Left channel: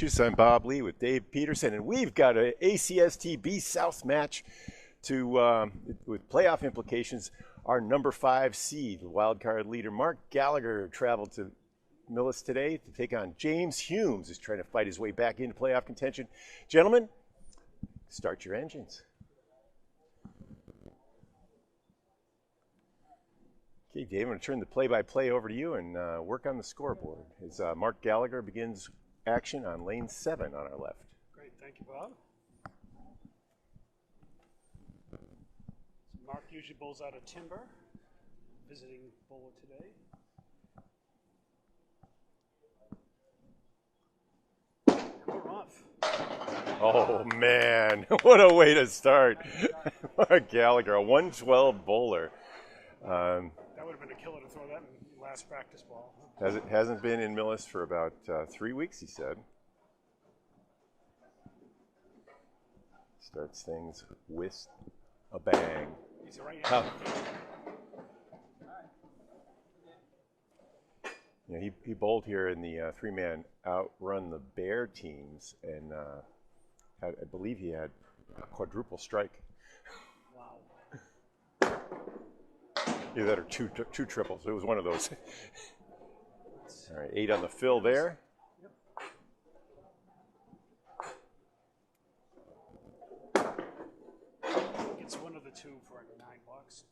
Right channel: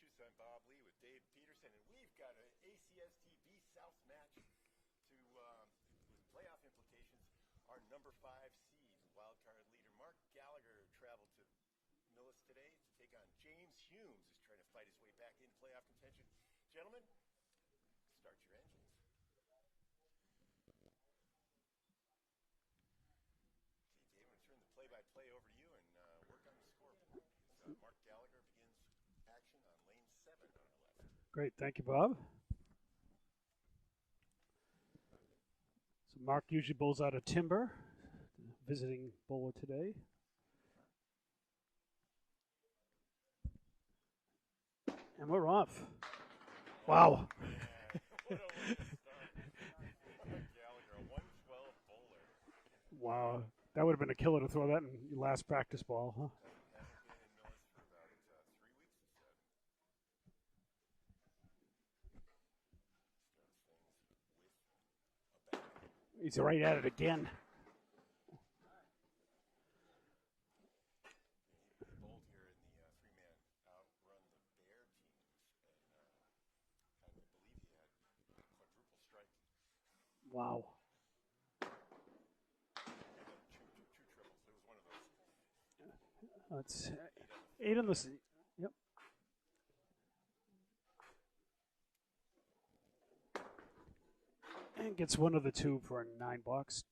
Massachusetts. I'm Bob Lee with Dave Peterson, and we've got an ACST B South match with playoff implications. Our number 5 seed, wildcard leader Mark Gallagher, traveled to Millis today to take on James Humes, who's trying to fight his way back into playoff contention. Gentlemen, start your engines. Okay, Dave, I'm going to turn the play-by-play over to you and work on the scoreboard. As Mark Gallagher begins action on lane 7 on our left. Great, thank you, Bob. So Mark usually bowls out of Timber, visiting bowler today. And we're off. Oh, wow. Man, what a way to start. Mark Gallagher, a 112 bowler. Wow. That would have been a killer to throw that in your last practice ball, huh? Hasn't been in Millis for about 3 weeks, he said. Starts things with a bang. He's right at it again. You know, he bowled here in the 3-man outrun the Bear teams, and I believe he had a quadruple strike. Wow. Either that or two triples. It was one of those. All right, 8 on the fill there. Yep. Gets one of the two for a 9 bucks.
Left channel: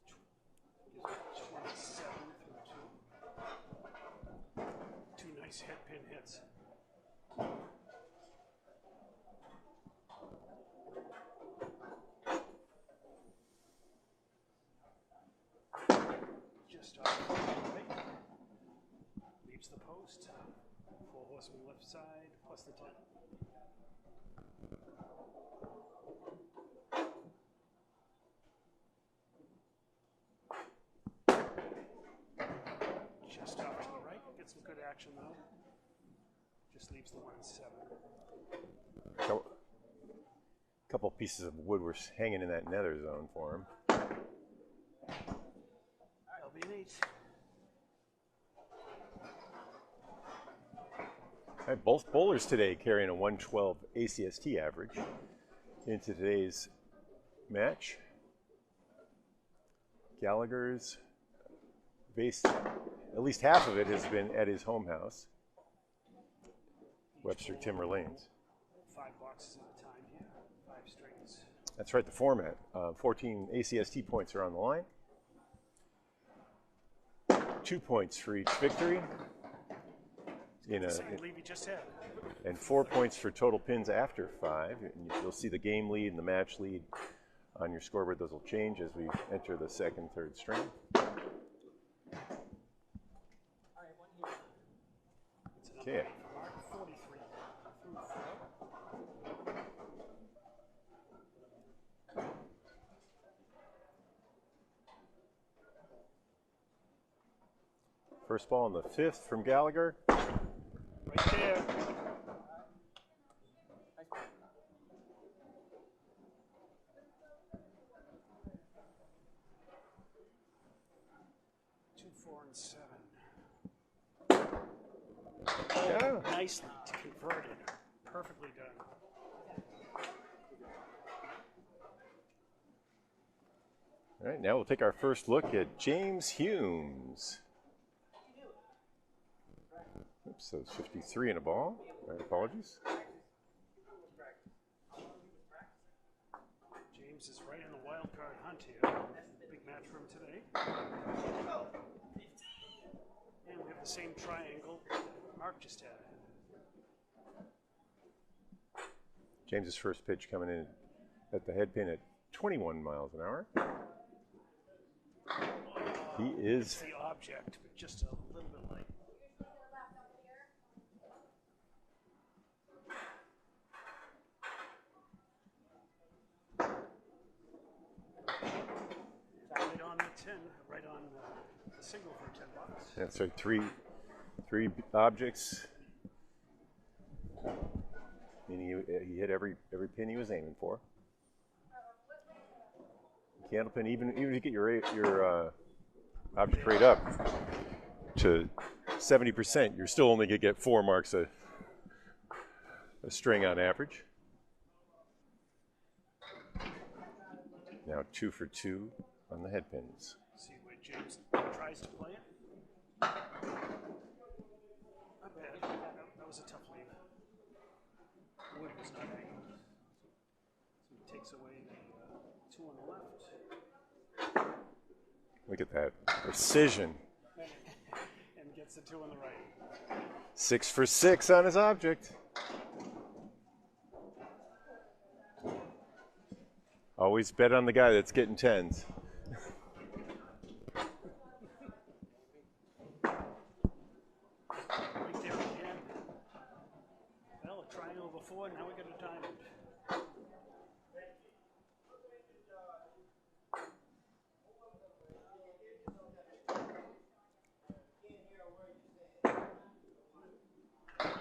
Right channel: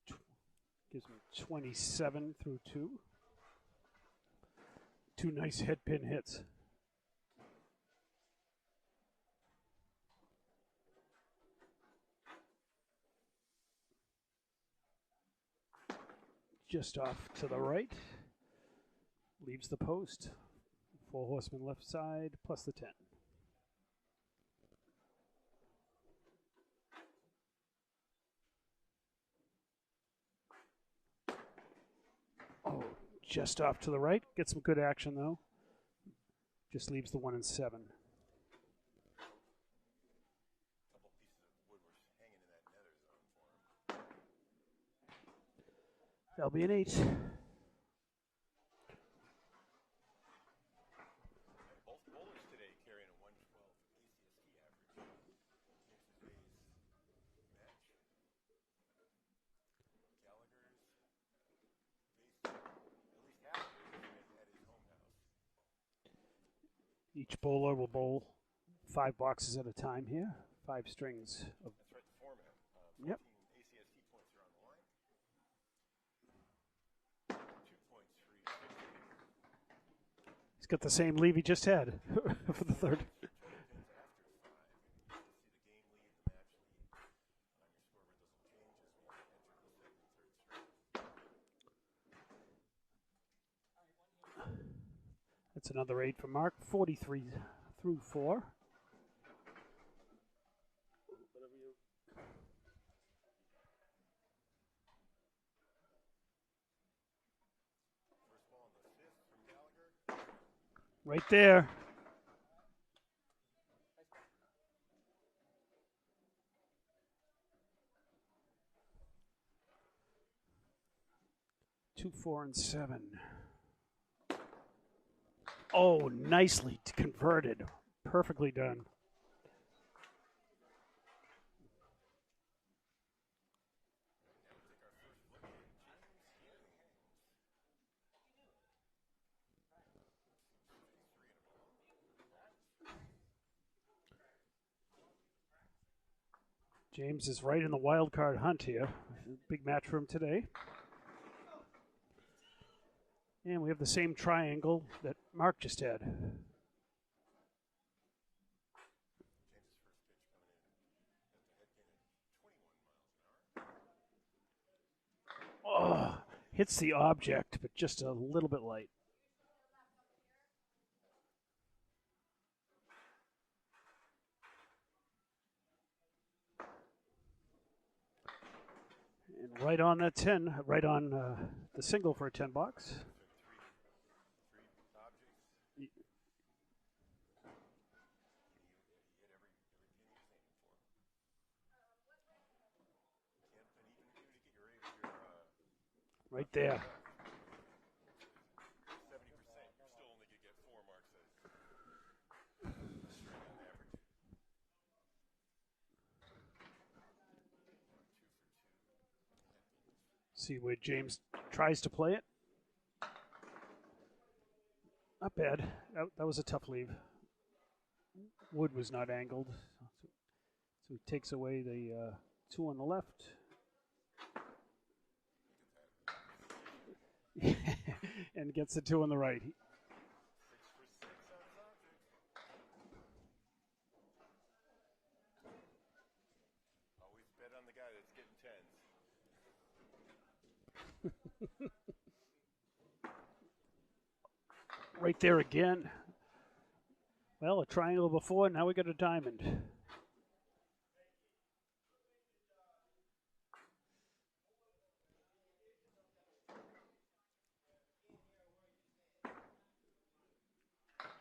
Gives me 27 through 2. 2 nice head pin hits. Just off to the right, leaves the post. 4 horsemen left side, plus the 10. Just off to the right, gets some good action though. Just leaves the 1 and 7. A couple pieces of wood were hanging in that nether zone for him. That'll be an 8. All right, both bowlers today carrying a 112 ACST average into today's match. Gallagher's base, at least half of it has been at his home house. Each Webster bowler will Timberlanes. bowl 5 boxes at a time here, 5 strings. That's right, the format. 14 ACST points are on the line. 2 points for each victory. He's got the same lead he just had. And 4 points for total pins after 5. And you'll see the game lead and the match lead on your scoreboard. Those will change as we enter the 2nd, 3rd string. That's another 8 for Mark. 43 through 4. First ball on the 5th from Gallagher. Right there. Two, 4, and 7. Oh, yeah. Nicely converted. Perfectly done. All right, now we'll take our first look at James Humes. Oops, so it's 53 in a ball. My apologies. James is right in the wild card hunt here. Big match for him today. And we have the same triangle that Mark just had. James's first pitch coming in at the head pin at 21 miles an hour. Oh, hits the object, but just a little bit light. Right on that 10, right on the single for a 10 bucks. Yeah, so three objects. Meaning he hit every pin he was aiming for. Candle pin, even if you get your object rate up to 70%, you're still only gonna get 4 marks a a string on average. Now 2 for 2 on the head pins. See where James tries to play it. Not bad. That was a tough leave. Wood was not angled. So he takes away the 2 on the left. Look at that precision. And gets the 2 on the right. 6 for 6 on his object. Always bet on the guy that's getting 10s. Right there again. Well, a triangle before, now we got a diamond.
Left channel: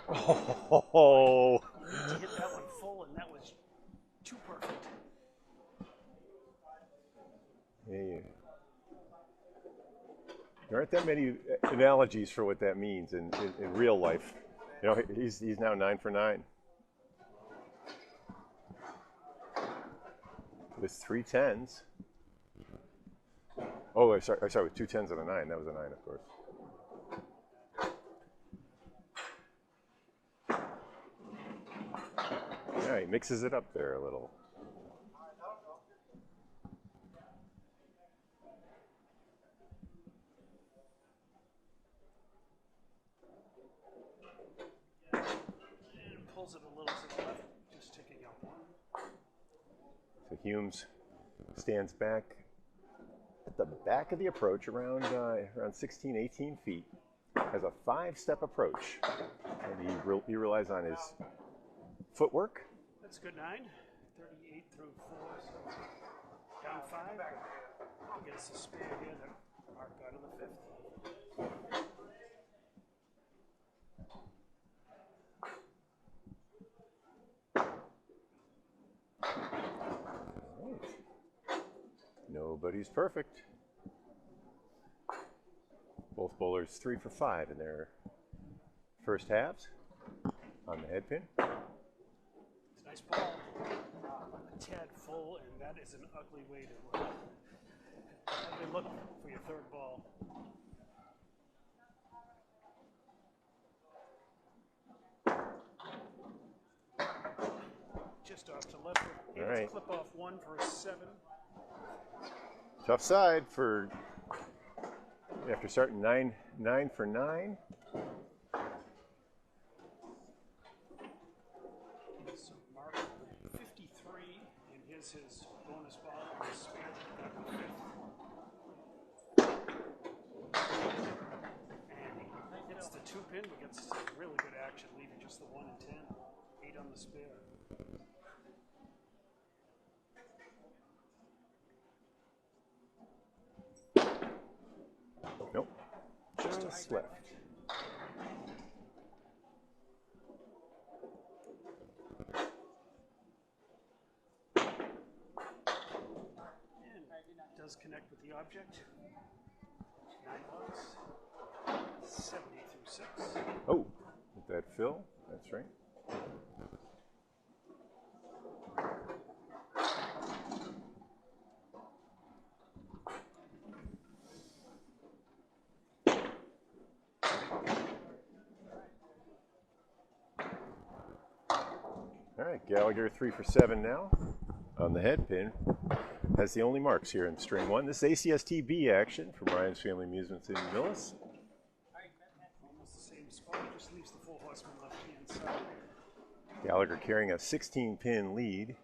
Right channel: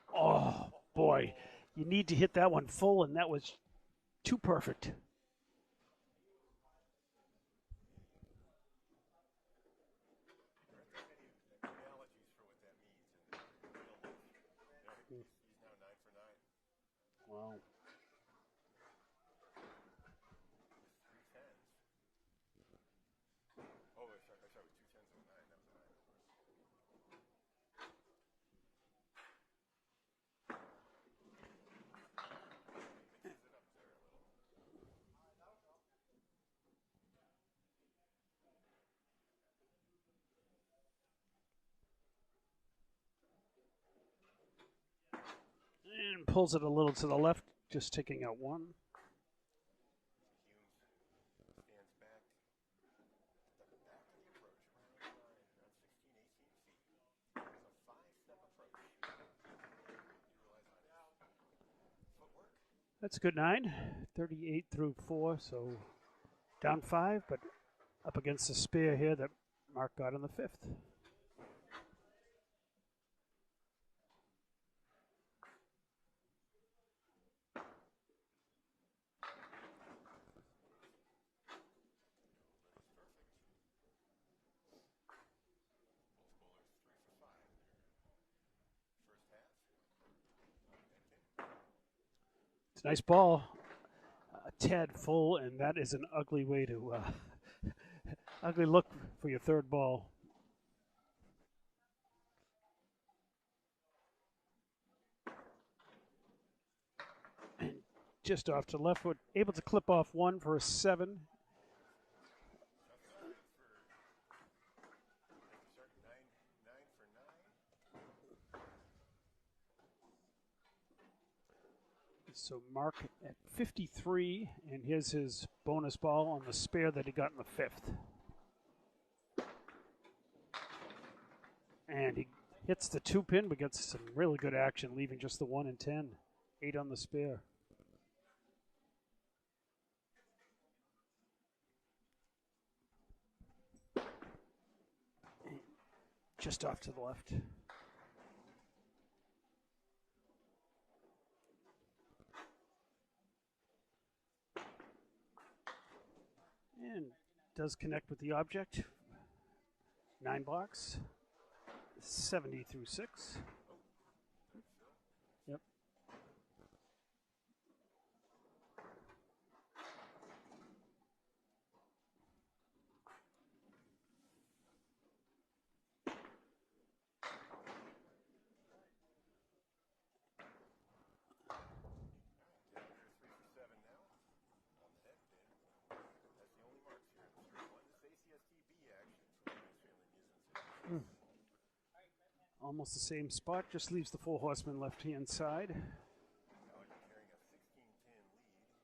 Oh, boy. You need to hit that one full, and that was too perfect. Yeah. There aren't that many analogies for what that means in real life. You know, he's now 9 for 9. With 3 10s. Oh, sorry, with 2 10s and a 9. That was a 9, of course. Yeah, he mixes it up there a little. And pulls it a little to the left, just taking out 1. So Humes stands back at the back of the approach around 16, 18 feet. Has a 5-step approach. And he relies on his footwork. That's a good 9. 38 through 4, so down 5, but up against the spear here that Mark got on the 5th. Nobody's perfect. Both bowlers 3 for 5 in their first halves on the head pin. It's a nice ball. A tad full, and that is an ugly way to ugly look for your third ball. Just off to left, we're able to clip off 1 for a 7. Tough side for after starting 9 for 9. So Mark at 53, and here's his bonus ball on the spare that he got in the 5th. And he hits the 2 pin, but gets some really good action, leaving just the 1 and 10. 8 on the spare. Nope. Just off to the left. And does connect with the object. 9 blocks. 70 through 6. Oh, with that fill, that's right. All right, Gallagher 3 for 7 now on the head pin. Has the only marks here in string 1. This is ACST B action from Ryan's Family Amusements in Millis. Almost the same spot, just leaves the 4 horsemen left-hand side. Gallagher carrying a 16-pin lead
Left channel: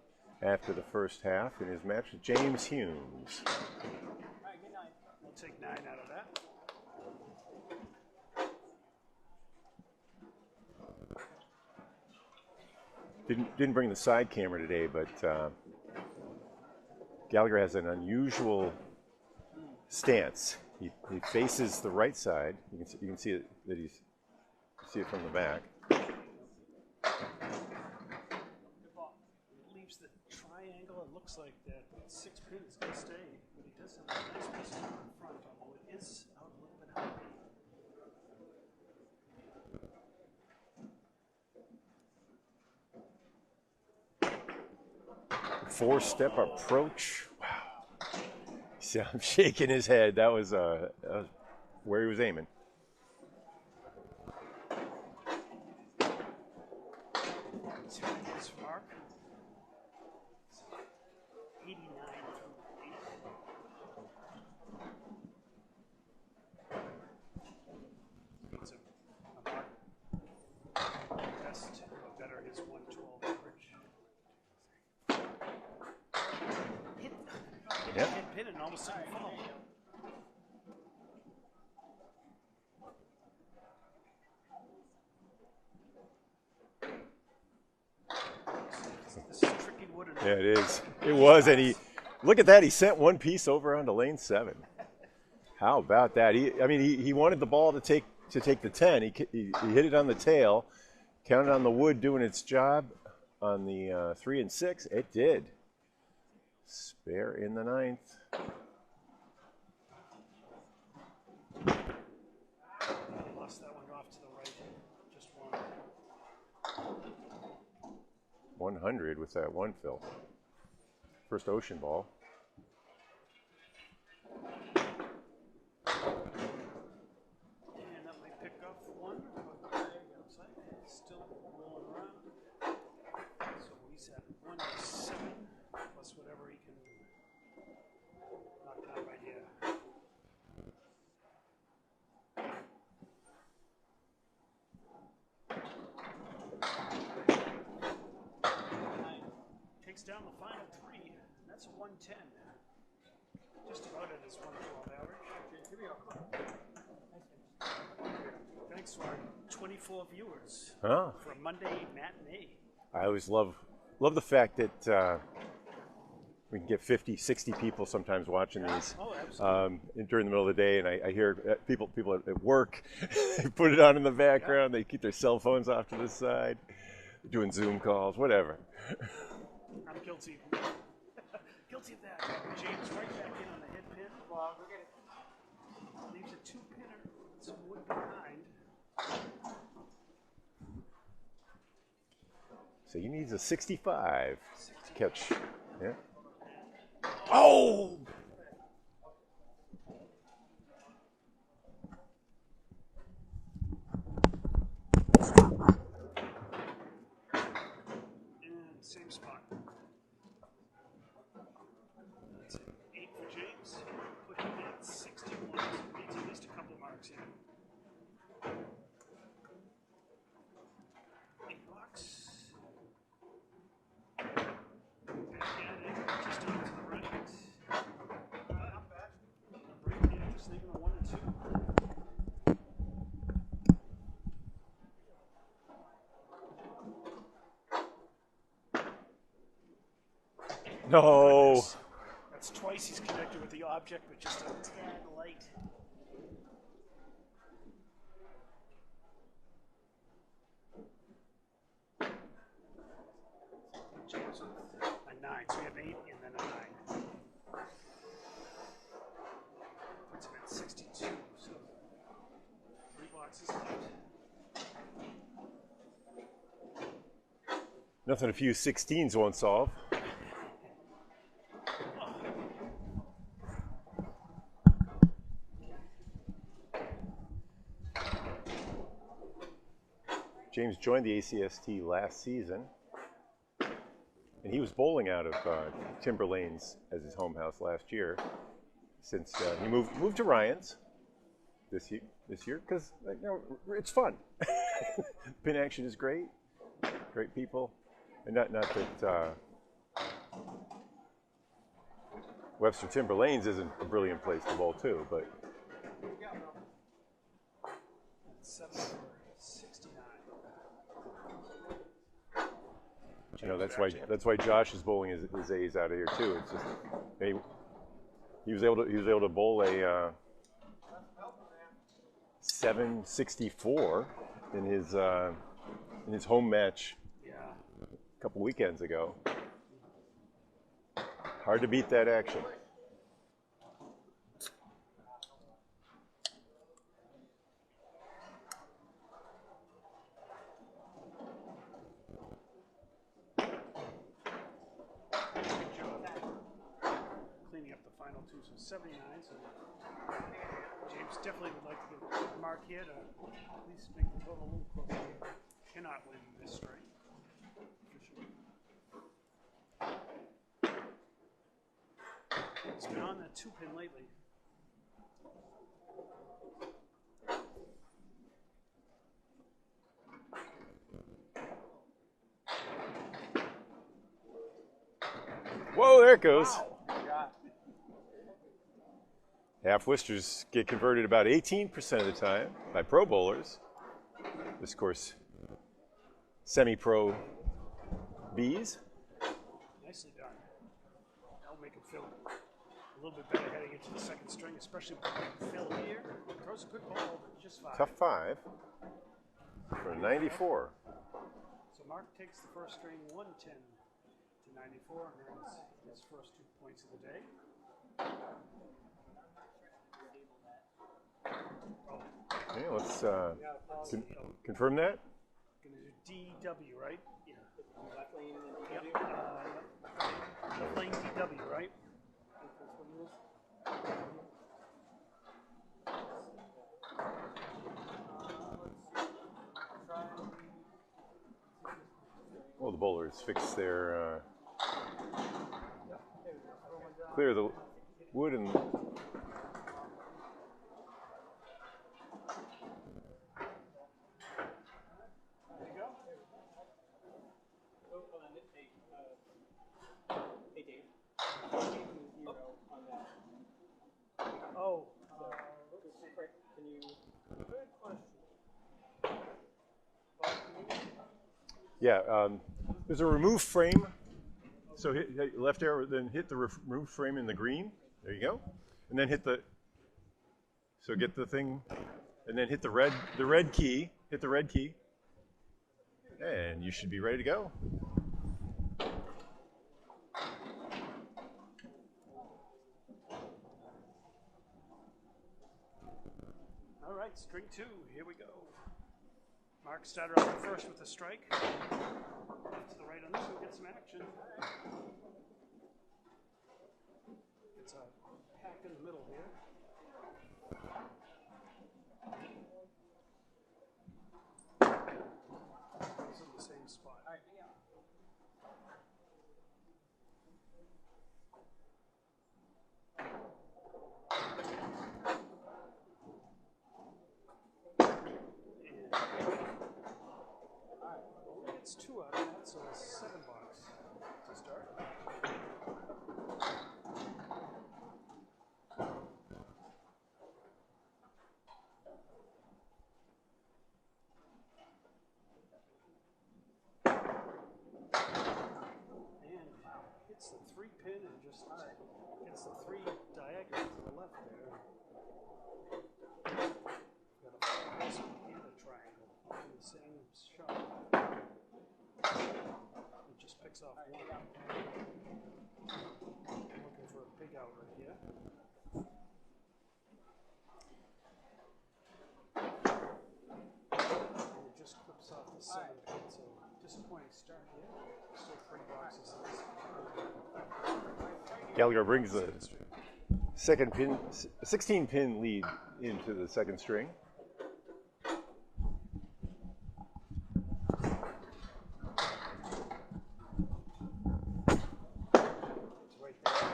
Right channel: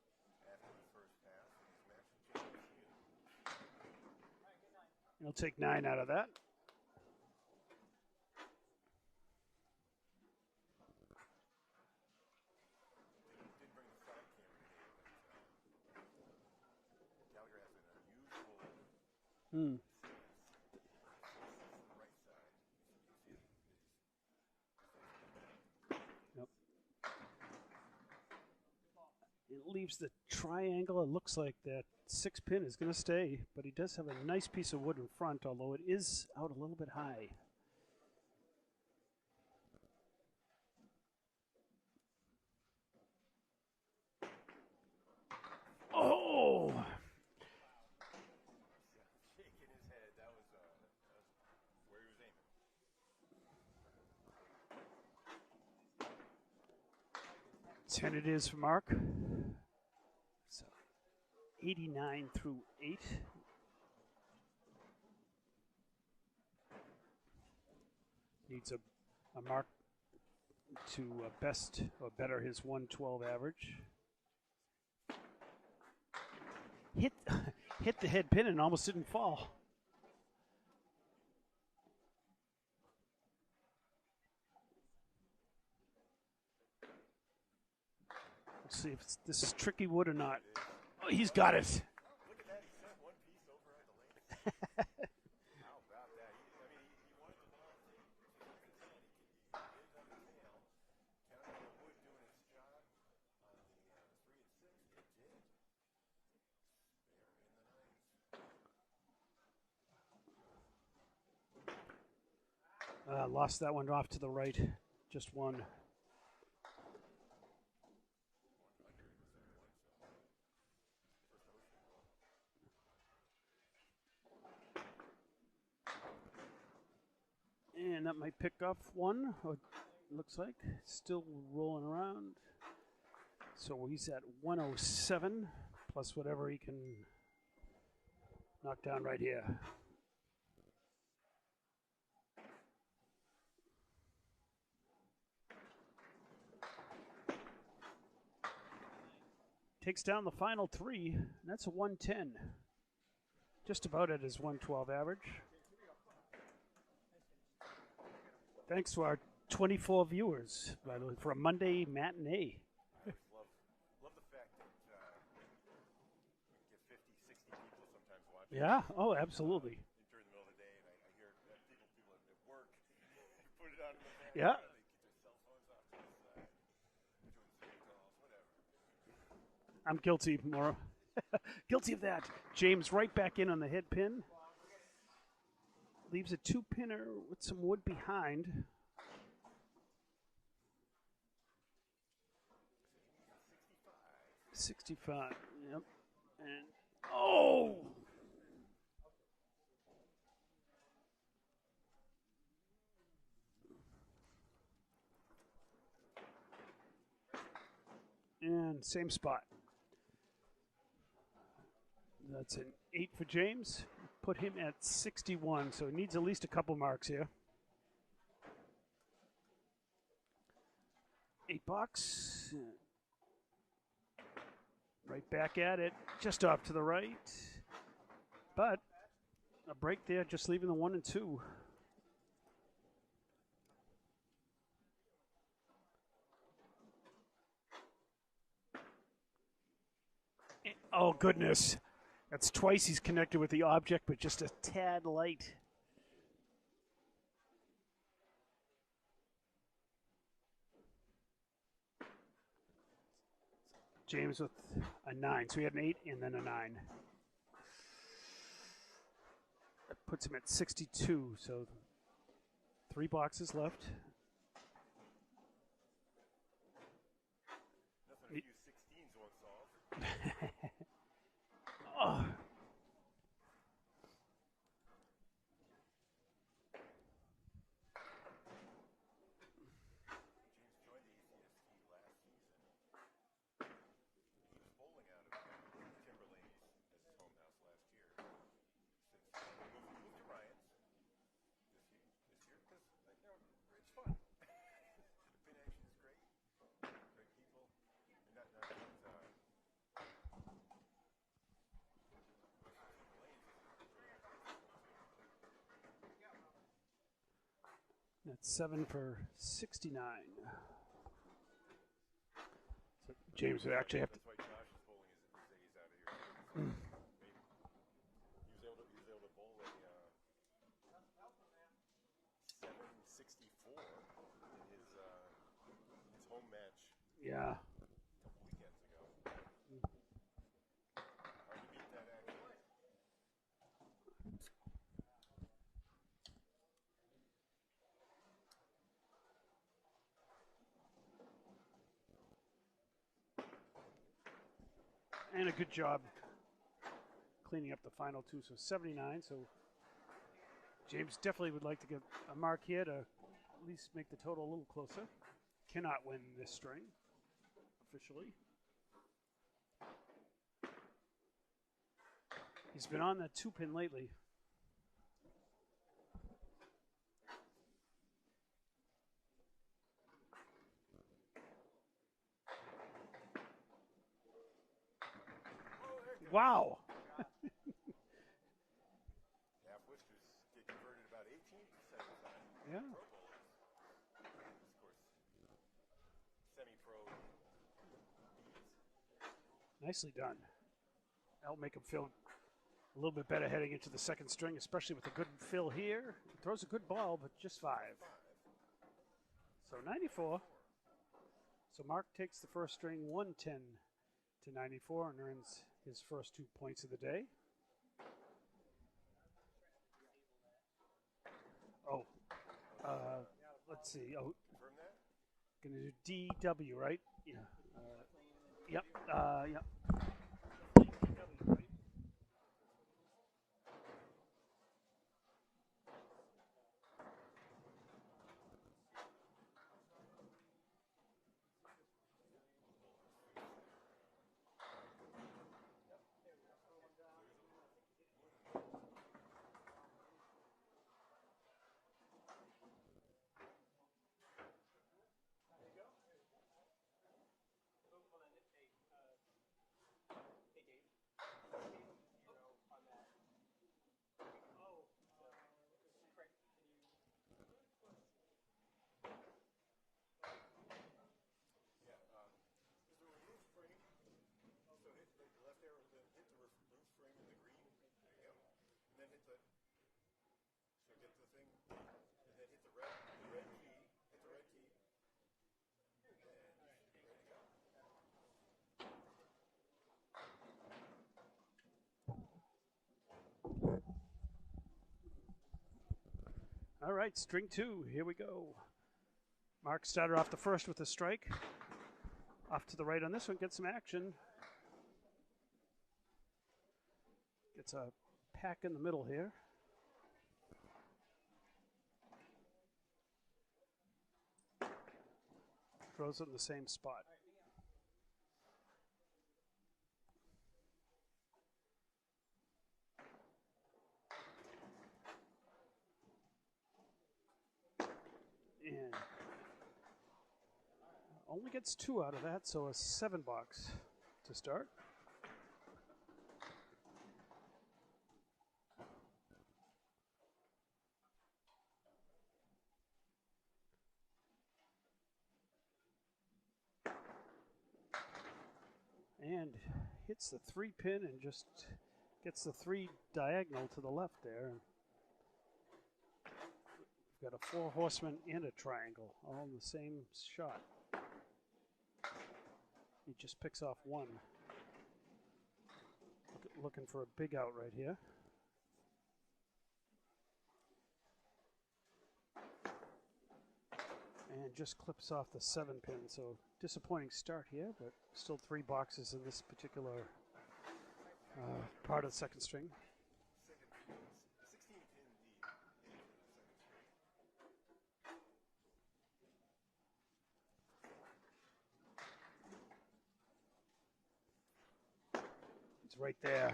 after the first half in his match with James Humes. He'll take 9 out of that. Didn't bring the side camera today, but Gallagher has an unusual stance. He faces the right side. You can see it that you see it from the back. It leaves the triangle. It looks like that 6 pin is going to stay, but he does have a nice piece of wood in front, although it is out a little bit high. 4-step approach. Wow. See, I'm shaking his head. That was where he was aiming. Turn it is for Mark. 89 through 8. Needs a mark to best or better his 112 average. Hit the head pin and almost didn't fall. See if this is tricky wood or not. Yeah, it is. It was, and he look at that. He sent one piece over onto lane 7. How about that? He wanted the ball to take the 10. He hit it on the tail, counted on the wood doing its job on the 3 and 6. It did. Spare in the 9th. Lost that one off to the right. Just one. 100 with that one, Phil. First ocean ball. And that might pick up one. Looks like still rolling around. So he's at 107 plus whatever he can knock down right here. Takes down the final 3. That's a 110. Just about at his 112 average. Thanks to our 24 viewers for a Monday matinee. I always love the fact that we can get 50, 60 people sometimes watching these. Oh, absolutely. During the middle of the day, and I hear people at work, they put it on in the background. They keep their cell phones off to the side, doing Zoom calls, whatever. I'm guilty, more. Guilty of that. James right back in on the hit pin. Leaves a 2-pinner with some wood behind. So he needs a 65. 65. Catch. Yep. Yeah. Oh! And same spot. That's an 8 for James. Put him at 61, so he needs at least a couple marks here. 8 bucks. Right back at it, just off to the right. But a break there, just leaving the 1 and 2. No. Oh, goodness. That's twice he's connected with the object, but just a tad light. James with a 9. So we had an 8 and then a 9. Puts him at 62, so 3 boxes left. Nothing a few 16s won't solve. James joined the ACST last season, and he was bowling out of Timber Lanes as his home house last year. Since he moved to Ryan's this year, because it's fun. Pin action is great people, and not that Webster Timber Lanes isn't a brilliant place to bowl too, but it's 7 for 69. That's why Josh is bowling his A's out of here too. It's just he was able to bowl a 764 in his home match. Yeah. A couple weekends ago. Hard to beat that action. did a good job cleaning up the final two. So 79. So James definitely would like to get a mark here to at least make the total a little closer. He cannot win this string, officially. He's been on that 2-pin lately. Whoa, there it goes. Wow. Half Worcesters get converted about 18% of the time by pro bowlers. This, of course, semi-pro Bs. Nicely done. That'll make him feel a little bit better heading into the second string, especially with the good fill here. Throws a good ball, but just 5. Tough 5 for 94. So Mark takes the first string 110 to 94 and earns his first 2 points of the day. Oh. Okay, let's confirm that. Gonna do DW, right? Yeah. Left lane and Yep. DW. Yep. Left lane DW, right? Well, the bowlers fix their clear the wood and Oh. Can you? Good question. yeah, there's a remove frame. So hit left arrow, then hit the remove frame in the green. There you go, and then hit the. So get the thing, and then hit the red key. Hit the red key, and you should be ready to go. All right, string 2, here we go. Mark started off the first with a strike. Off to the right on this one, get some action. Gets a pack in the middle here. Throws it in the same spot. Gets 2 out of that, so a 7 box to start. And hits the 3-pin and just gets the 3 diagonal to the left there. Got a 4 horseman and a triangle, all in the same shot. He just picks off 1. Looking for a big out right here. And just clips off the 7-pin, so disappointing start here, but still 3 boxes in this particular. Gallagher brings the second string. 16-pin lead into the second string. Right there.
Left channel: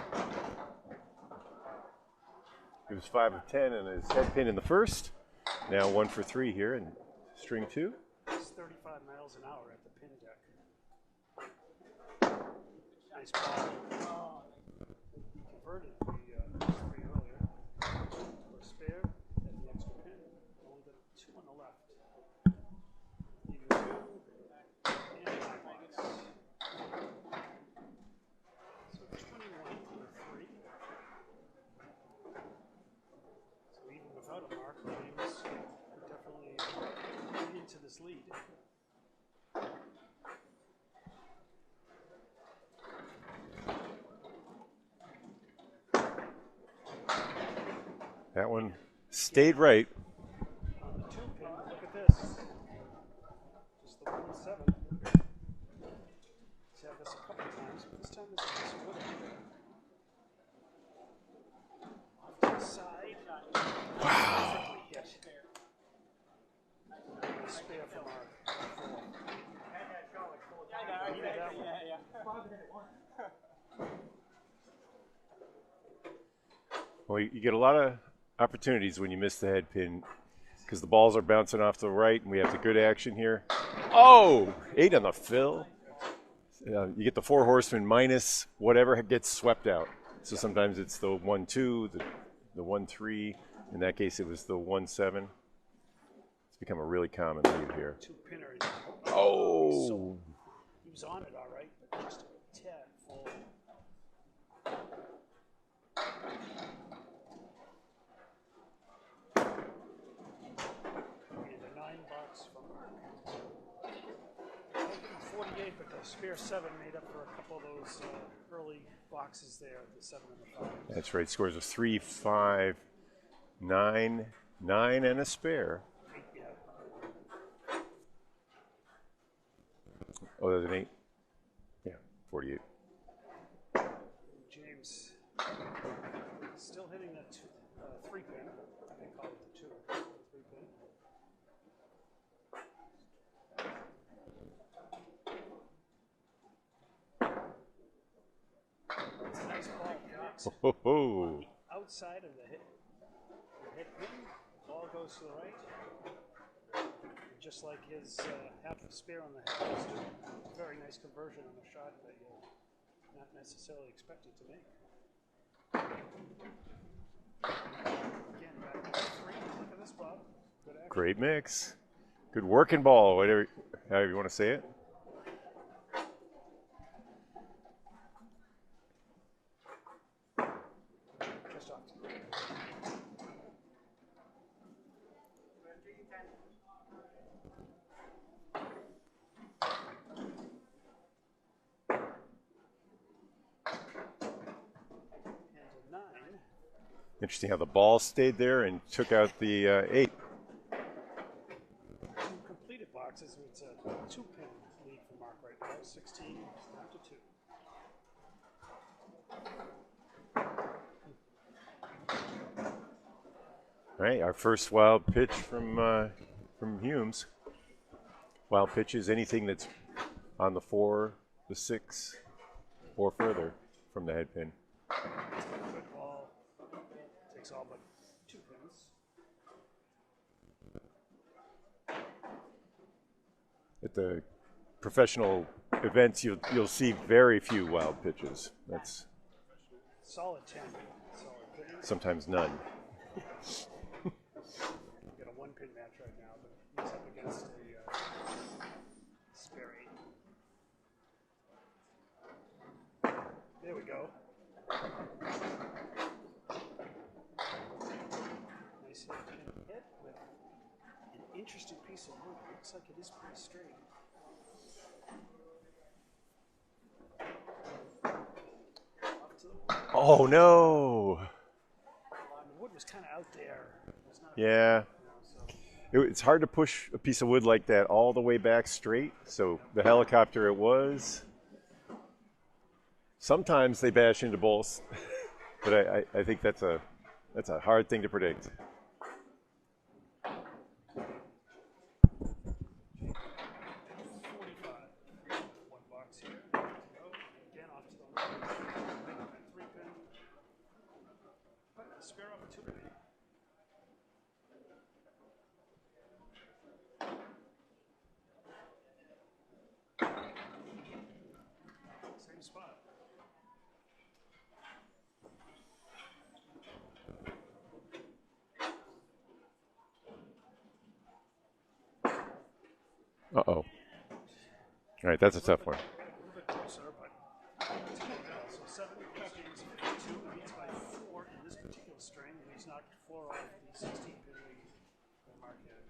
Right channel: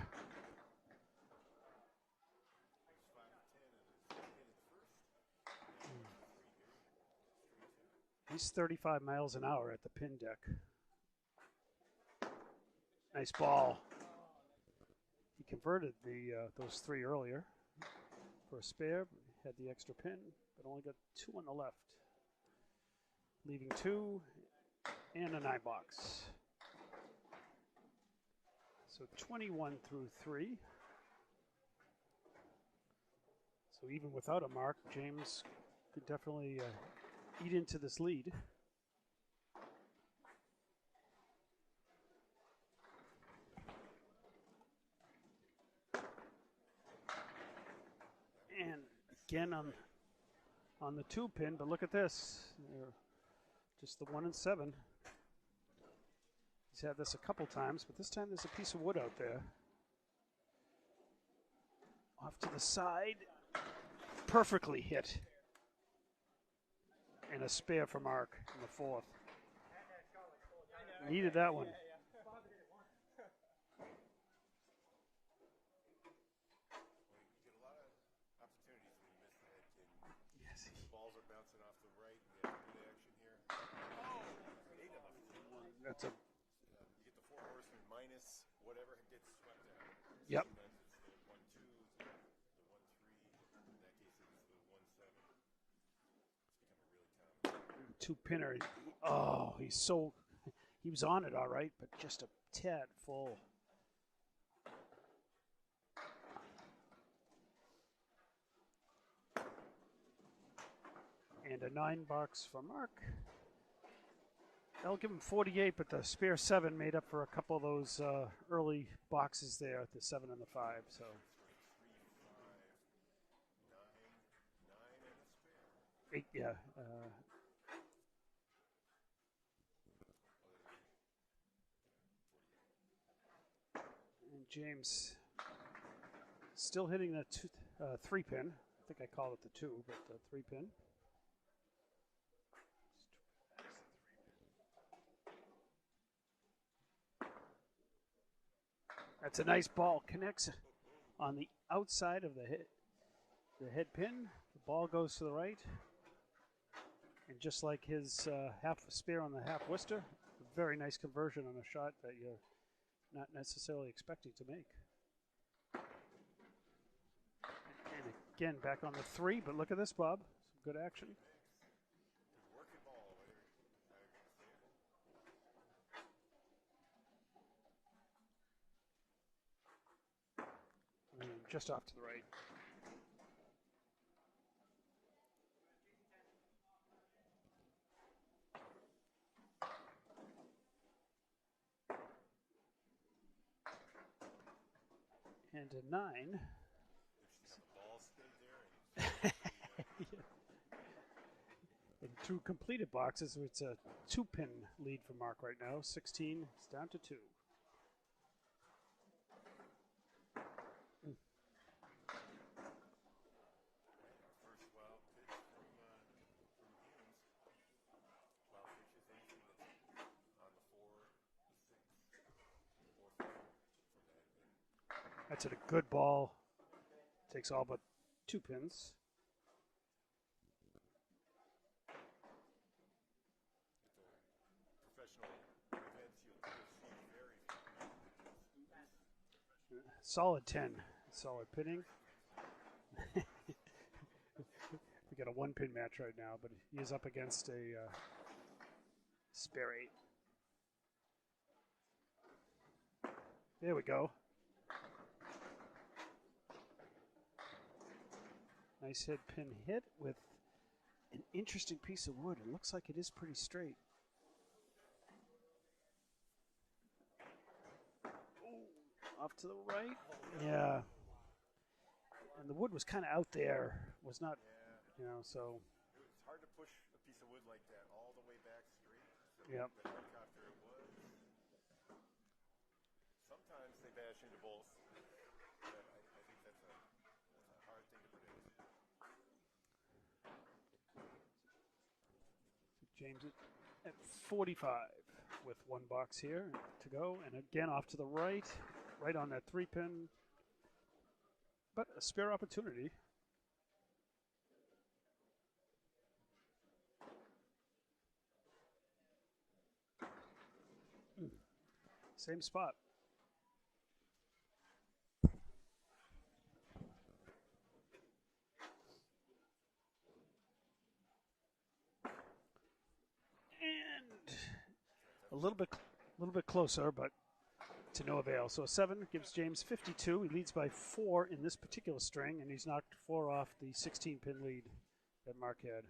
He was 5 of 10 and his head pin in the first. Now 1 for 3 here in string 2. He's 35 miles an hour at the pin deck. Nice ball. He converted the first 3 earlier for a spare. Had the extra pin. Only got 2 on the left. Leaving 2 and a 9 box. 21 through 3. So even without a mark, James could definitely eat into this lead. That one stayed right. On the 2-pin, but look at this. Just the 1 and 7. He's had this a couple times, but this time there's a piece of wood out there. Off to the side. Perfectly hit. And a spare for Mark. The 4. I needed that one. Well, you get a lot of opportunities when you miss the head pin because the balls are bouncing off to the right, and we have the good action here. Oh, 8 on the fill. You get the 4 horsemen minus whatever gets swept out. So sometimes it's the 1-2, the 1-3. In that case, it was the 1-7. It's become a really common lead here. 2 pinner. Oh. He was on it all right, but just a tad full. And a $9 for Mark. I'll give him 48, but the spare 7 made up for a couple of those early boxes there, the 7 and the 5. That's right. Scores of 3, 5, 9, 9, and a spare. 8, yeah. Oh, there's an 8. Yeah, 48. And James still hitting a 3 pin. I think I call it the 2, but the 3 pin. That's a nice ball. Connects on the outside of the head pin. Ball goes to the right. And just like his half spare on the half blister, very nice conversion and a shot that you're not necessarily expected to make. Again, back on the 3, but look at this, Bob. Good action. Great mix. Good working ball, whatever, however you want to say it. Just off to the right. And a 9. Interesting how the ball stayed there and took out the 8. 2 completed boxes. It's a 2-pin lead for Mark right now. 16 down to 2. All right, our first wild pitch from Humes. Wild pitch is anything that's on the 4, the 6, or further from the head pin. It's a good ball. Takes all but 2 pins. At the professional events, you'll see very few wild pitches. That's solid 10. Solid pitting. Sometimes none. We got a 1-pin match right now, but he's up against a spare 8. There we go. Nice head pin hit with an interesting piece of wood. It looks like it is pretty straight. Off to the right. Oh no! The wood was kind of out there. It was not. Yeah. You know, so. It's hard to push a piece of wood like that all the way back straight. So the helicopter it was. Sometimes they bash into both, but I think that's a hard thing to predict. 45 with 1 box here to go, and again off to the right on that 3-pin, but a spare opportunity. Same spot. Uh-oh. All right, that's a tough one. A little bit closer, but to no avail. So 7 gives James 52. He leads by 4 in this particular string, and he's knocked 4 off the 16-pin lead that Mark had.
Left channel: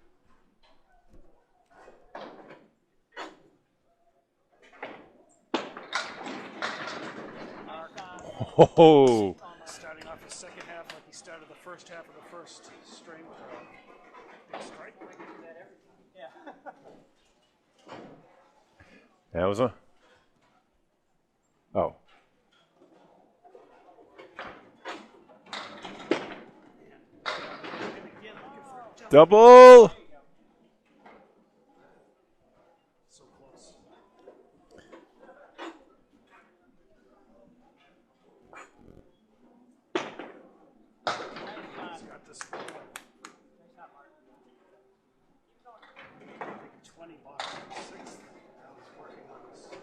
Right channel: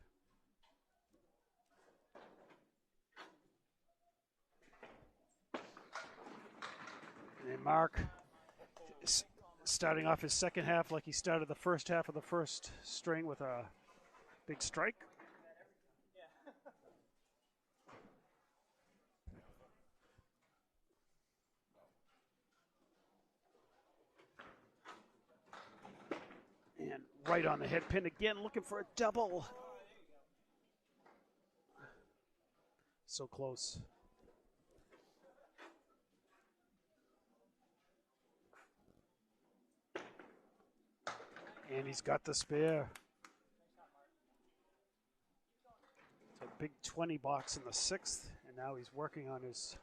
And Mark starting off his second half like he started the first half of the first string with a big strike. That was Right on the head pin again, looking for a double. Double. So close. And he's got the spare. Big 20 box in the 6th, and now he's working on his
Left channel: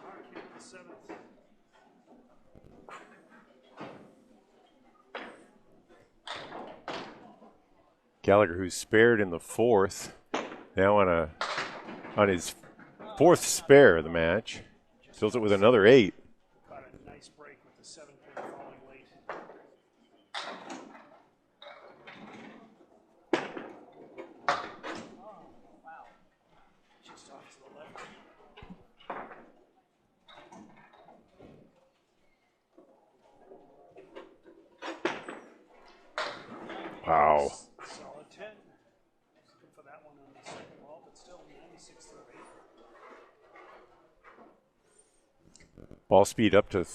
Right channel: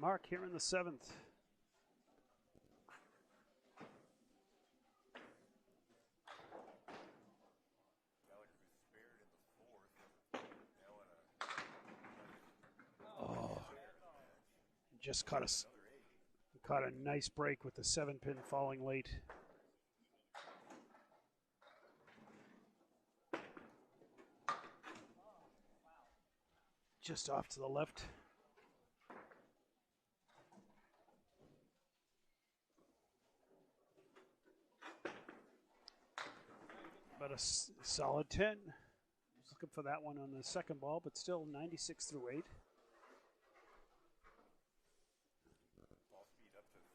mark here in the 7th. Gallagher, who's spared in the 4th, now on his 4th spare of the match. Just Fills it caught with a another 8. Caught a nice break with the 7-pin falling late. Just off to the left. Wow. Solid 10. Looking for that one on the second ball, but still 96 through 8. Ball speed up to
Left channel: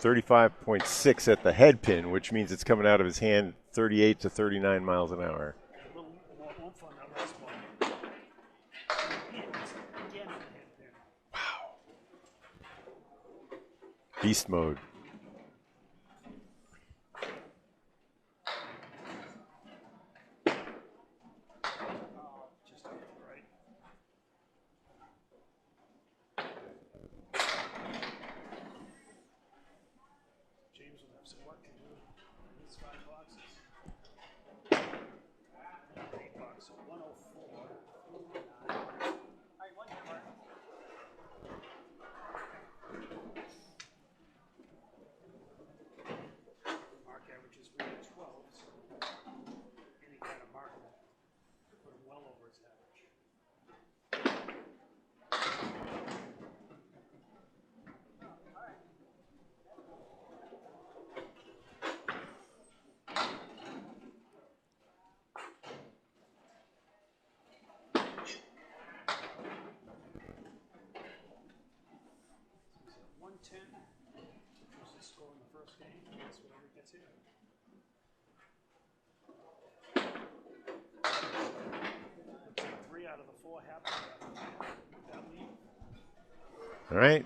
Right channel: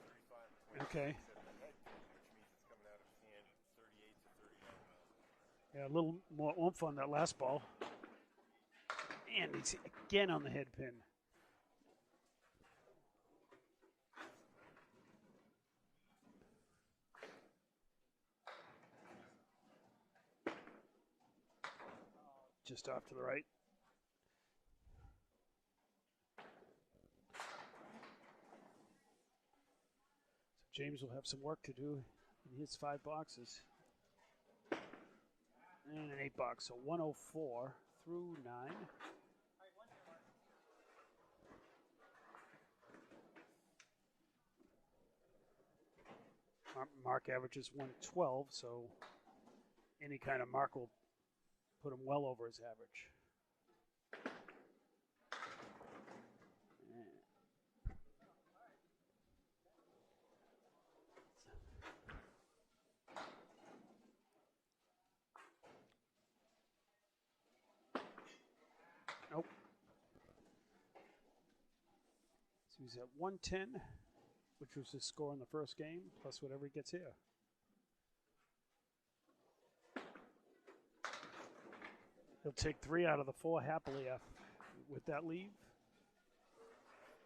35.6 at the head pin, which means it's coming out of his hand 38 to 39 miles an hour. A little more oomph on that last ball. And it's again on the head pin. Beast mode. Just off to the right. James will have some work to do in his 5 boxes. And an 8 box, so 104 through 9. Mark averages 112, so any kind of mark will put him well over his average. Oh. So he's at 110, which was his score in the first game. That's whatever he gets here. He'll take 3 out of the 4 happily with that lead. All right.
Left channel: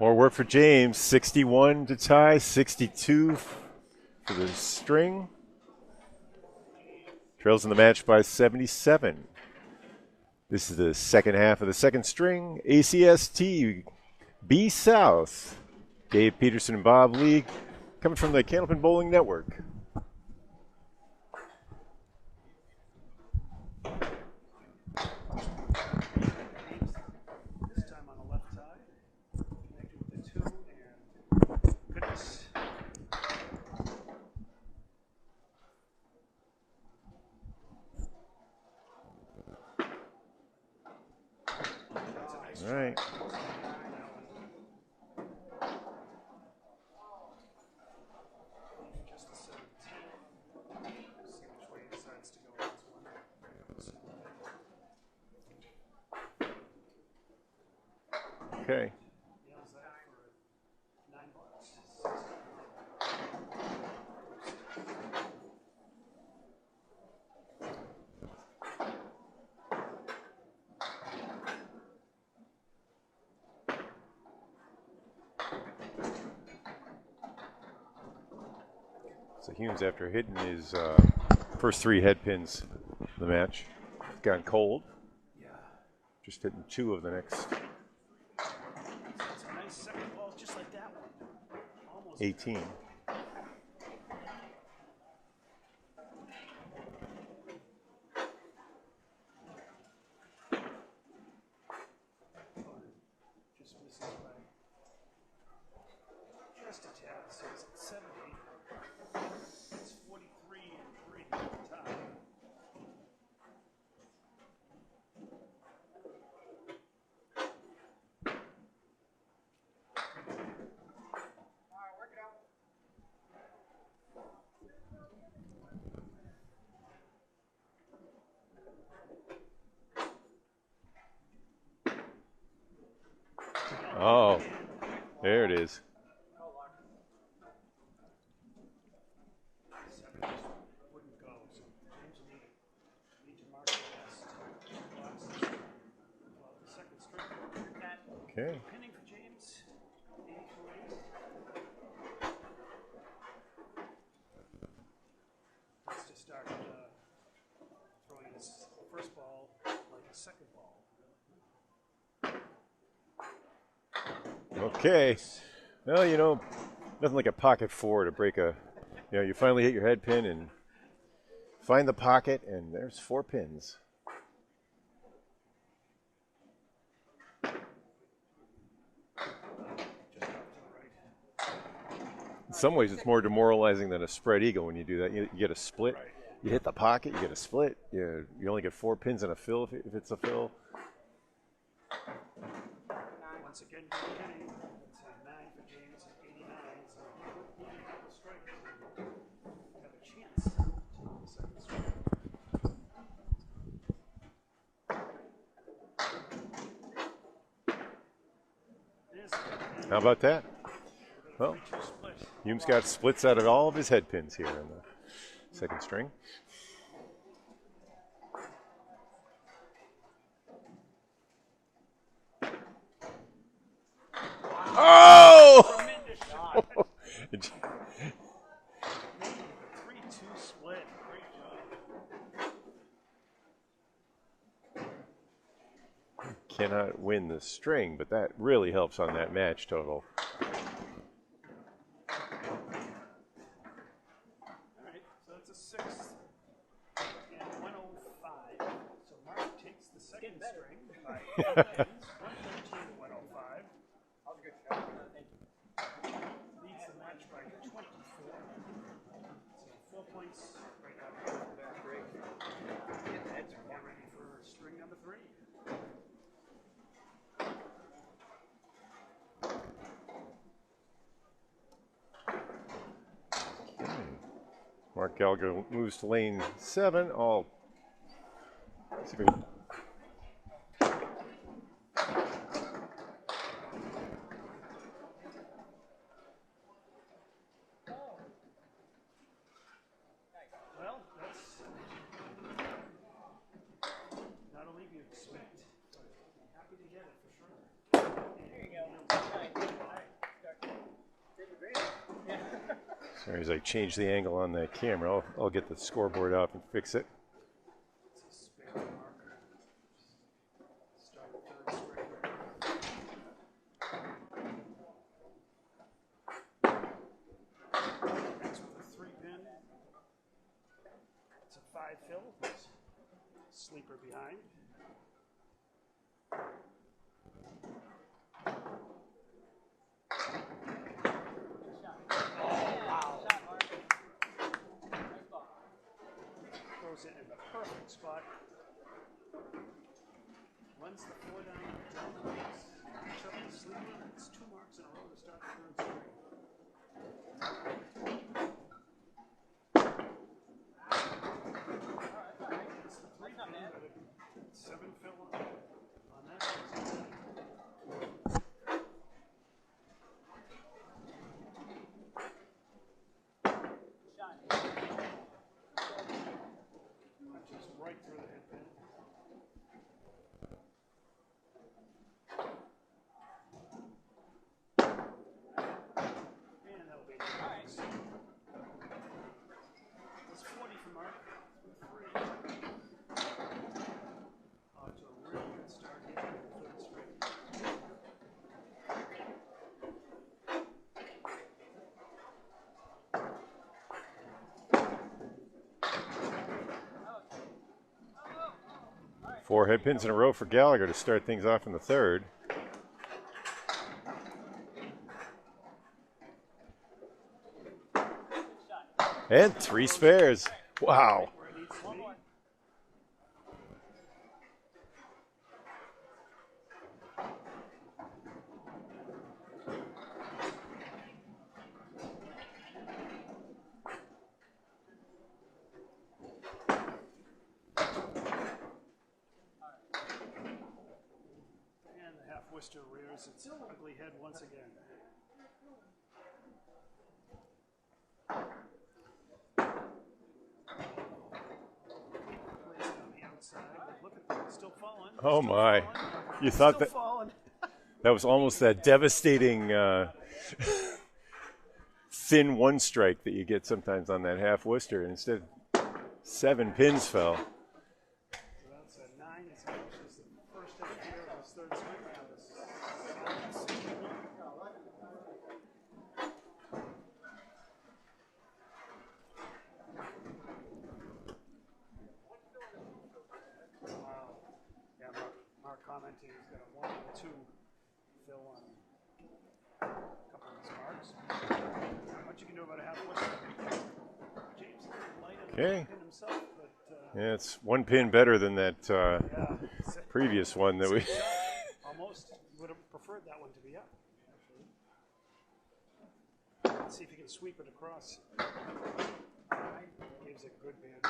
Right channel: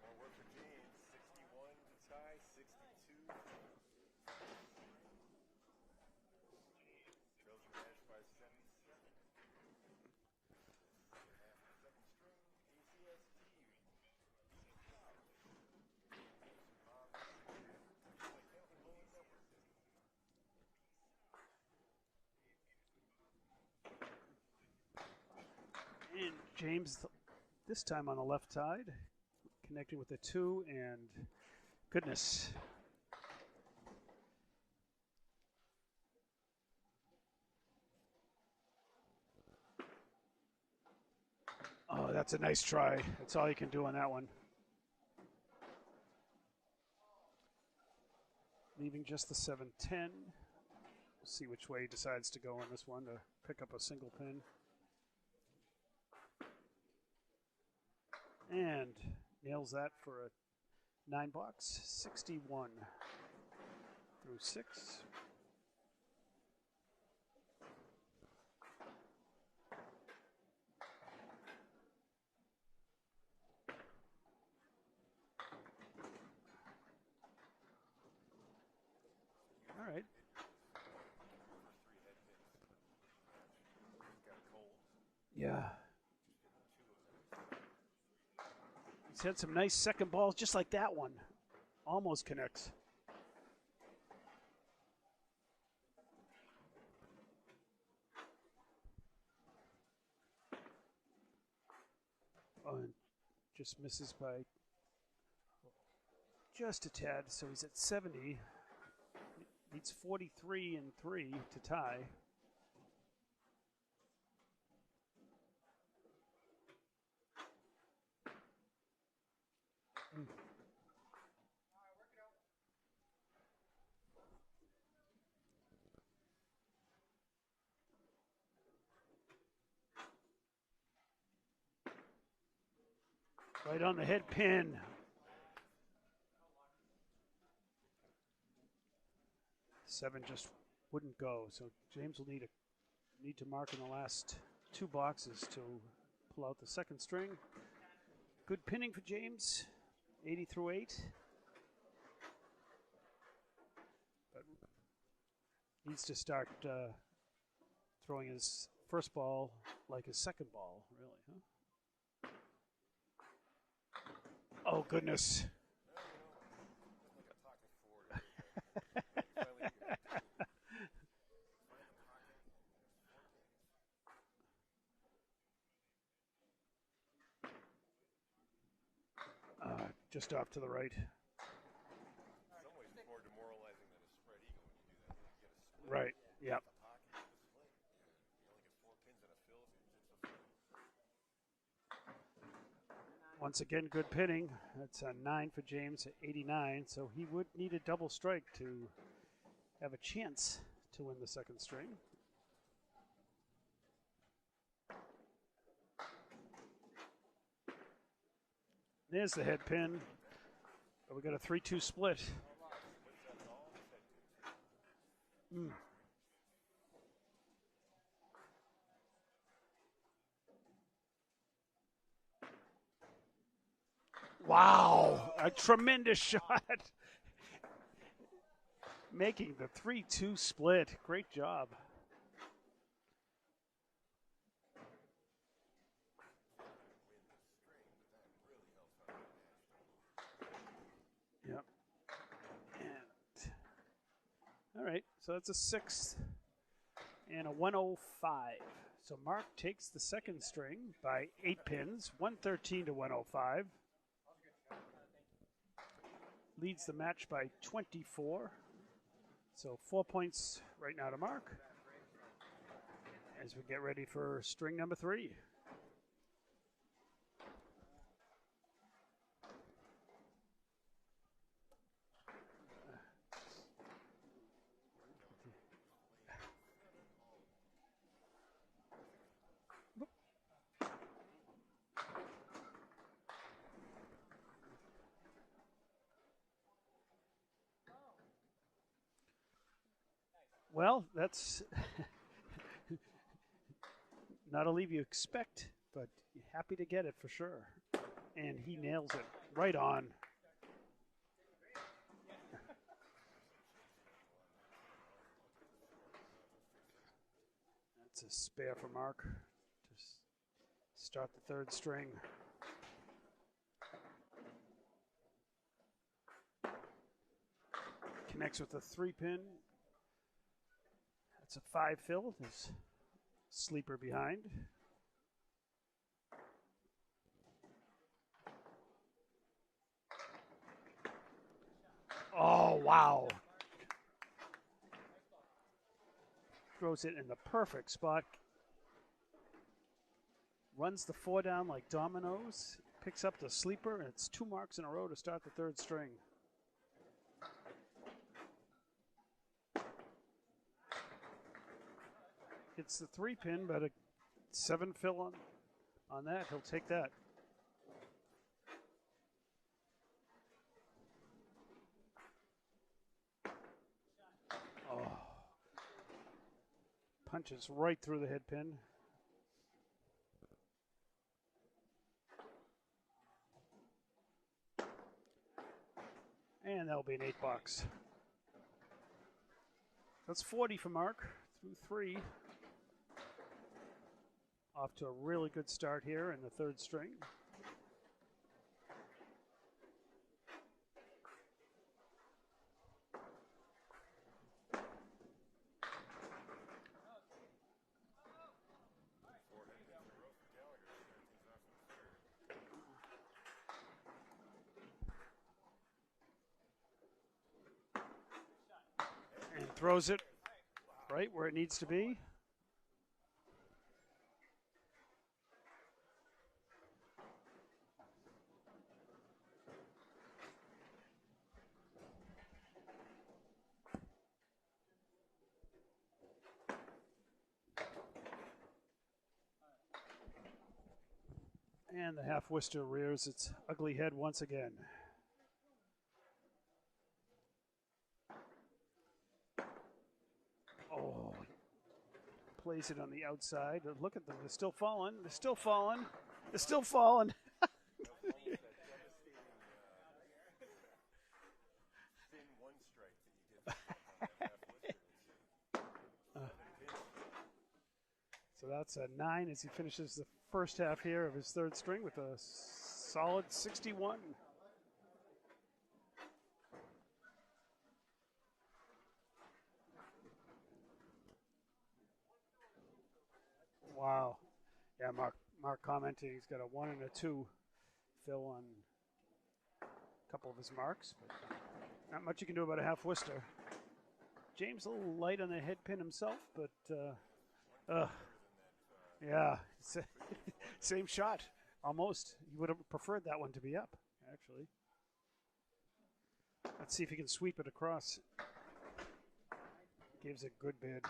More work for James. 61 to tie, 62 for the string. Trails in the match by 77. This is the second half of the second string. ACST B South. Dave Peterson and Bob Lee coming from the Candlepin Bowling Network. James, this time on the left side, connected with the 2, and goodness. Oh, that's a nice try. Right. That's all you can do on that one. Leaving just the 7-10. See which way he decides to go on this one to pick up a single thing. And Okay. nails that for a 9 box, 61 through 6. So Humes, after hitting his first 3 head pins of the match, gone cold. Yeah. Just hitting 2 of the next He's had some nice second balls just like that one. Almost 18. connects. Oh, just misses by just a tad, so he's at 70. It's 43 and 3 to tie. Right on the Oh. head pin. There it is. 7 just wouldn't go. So James will need to mark in the last 2 boxes to pull out the second string. Okay. Good pinning for James, 80 through 8. Needs to start throwing his first ball like his second ball, really. Huh? Okay. Well, you know, nothing like a pocket 4 to break a, you know, you finally hit your head pin and find the pocket, and there's 4 pins. Just off to the right. In some ways, it's more demoralizing than a spread eagle when you do that. You get a split. Right. You hit the pocket, you get a split. You only get 4 pins and a fill if it's a fill. Once again, good pinning. That's a 9 for James at 89, so he would need a double strike to have a chance to the second strike. There's the head pin. How about that? We got a 3-2 split. Hume's got splits out of all of his head pins here in the second string. Wow! Oh! Tremendous shot. Making the 3-2 split. Great job. Cannot win the string, but that really helps on that match total. Yep. All right, so that's a 6th and a 105. So Mark takes the second string by 8 pins, 113 to 105. Leads the match by 24. So 4 points right now to Mark. As we get ready for string number 3. Mark Gallagher moves to lane 7. I'll see if we can. Well, that's not a leave you expect, but happy to get it for sure. And he nails it right on. Sorry, as I change the angle on that camera, I'll get the scoreboard up and fix it. It's a spare for Mark. Just start the 3rd string. Connects with a 3-pin. It's a 5 fill with sleeper behind. Oh, wow. Throws it in the perfect spot. Runs the 4 down like dominoes. Picks up the sleeper. And it's 2 marks in a row to start the 3rd string. It's the 3-pin, but a 7 fill on that. He'll take that. Punches right through the head pin. And that'll be an $8. That's 40 for Mark. 3. Off to a really good start here in the 3rd string. Four head pins in a row for Gallagher to start things off in the 3rd. And 3 spares. Wow. Right where it needs to be. And the half Worcester rears its ugly head once again. outside. But look at them. They're still falling. Oh, Still my. Falling. You They're thought still that falling. that was almost that devastating thin one strike that you get sometimes on that half Worcester. And instead, 7 pins fell. So that's a 9 as he finishes the first half here of his third string with a solid 61. Wow. Yeah, Mark commenting he's got a 1 and a 2 fill on a couple of his marks. Not much you can do about a half Worcester. James a little light on the pin himself, but yeah, it's 1 pin better than that yeah, previous one that we. shot. Almost would have preferred that one to be up, actually. Let's see if he can sweep it across. Gives a good bid.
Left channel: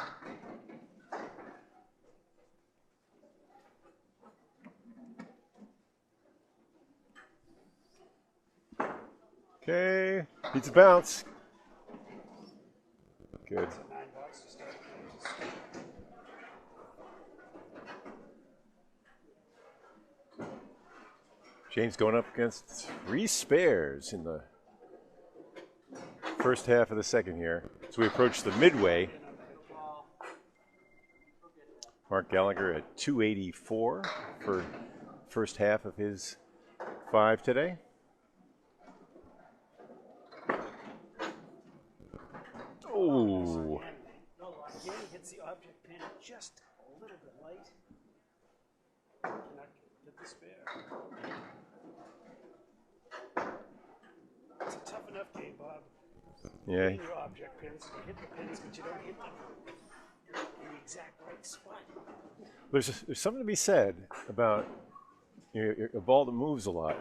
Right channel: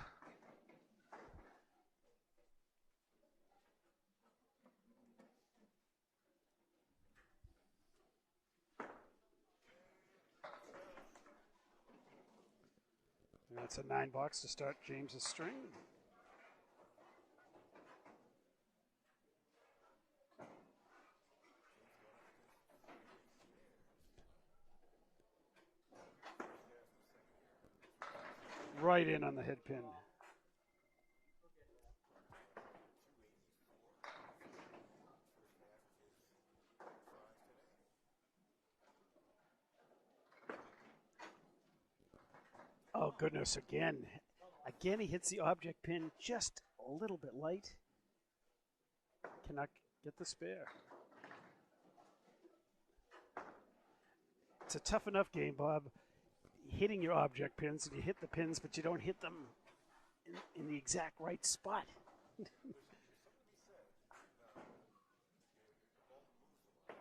Okay, needs a bounce. Good. It's a 9 bucks to start James's string. James going up against 3 spares in the first half of the second here. So we approach the midway. Right in on the head pin. Mark Gallagher at 284 for first half of his 5 today. Oh, goodness, again. Again, he hits the object pin just a little bit light. Cannot get the spare. It's a tough enough game, Bob. Yeah. Hitting your object pins, and you hit the pins, but you don't hit them in the exact right spot. There's something to be said about a ball that moves a lot.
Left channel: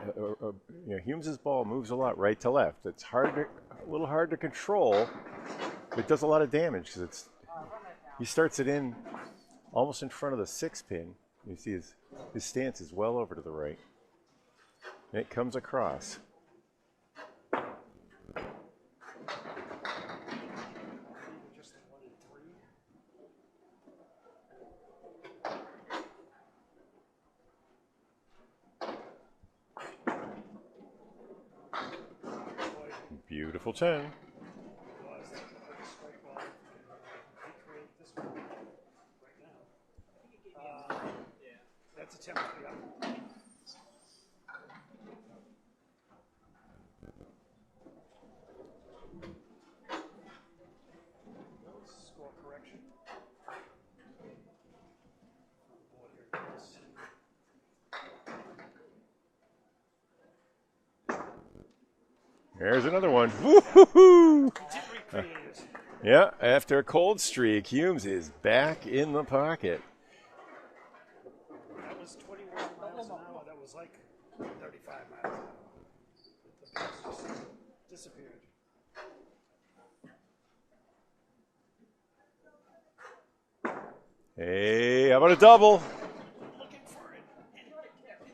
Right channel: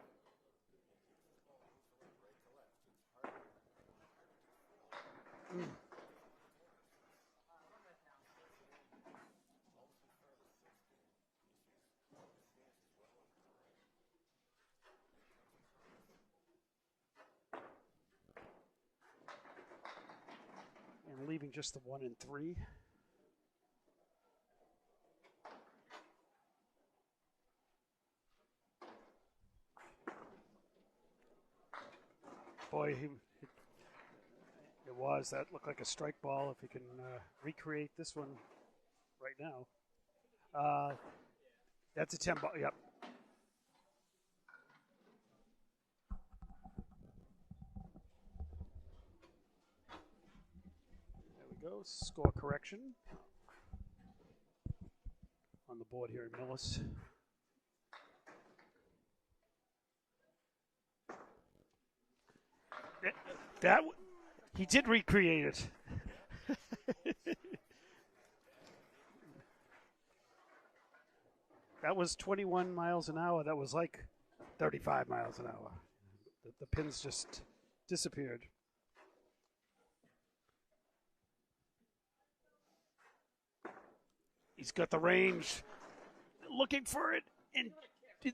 Humes' ball moves a lot right to left. It's a little hard to control. It does a lot of damage because he starts it in almost in front of the 6 pin. You see his stance is well over to the right. And it comes across. I'm leaving just the 1 and 3. Boy, Beautiful 10. that looked like a strike ball. If you can recreate this one right now. That's a 10 ball, yep. Score correction on the board here in Millis. There's another one. He did recreate it. Yeah, after a cold streak, Humes is back in the pocket. That was 21 miles an hour. That was like 35 miles an hour. The pins just disappeared. Hey, how about a double? Looking for it, and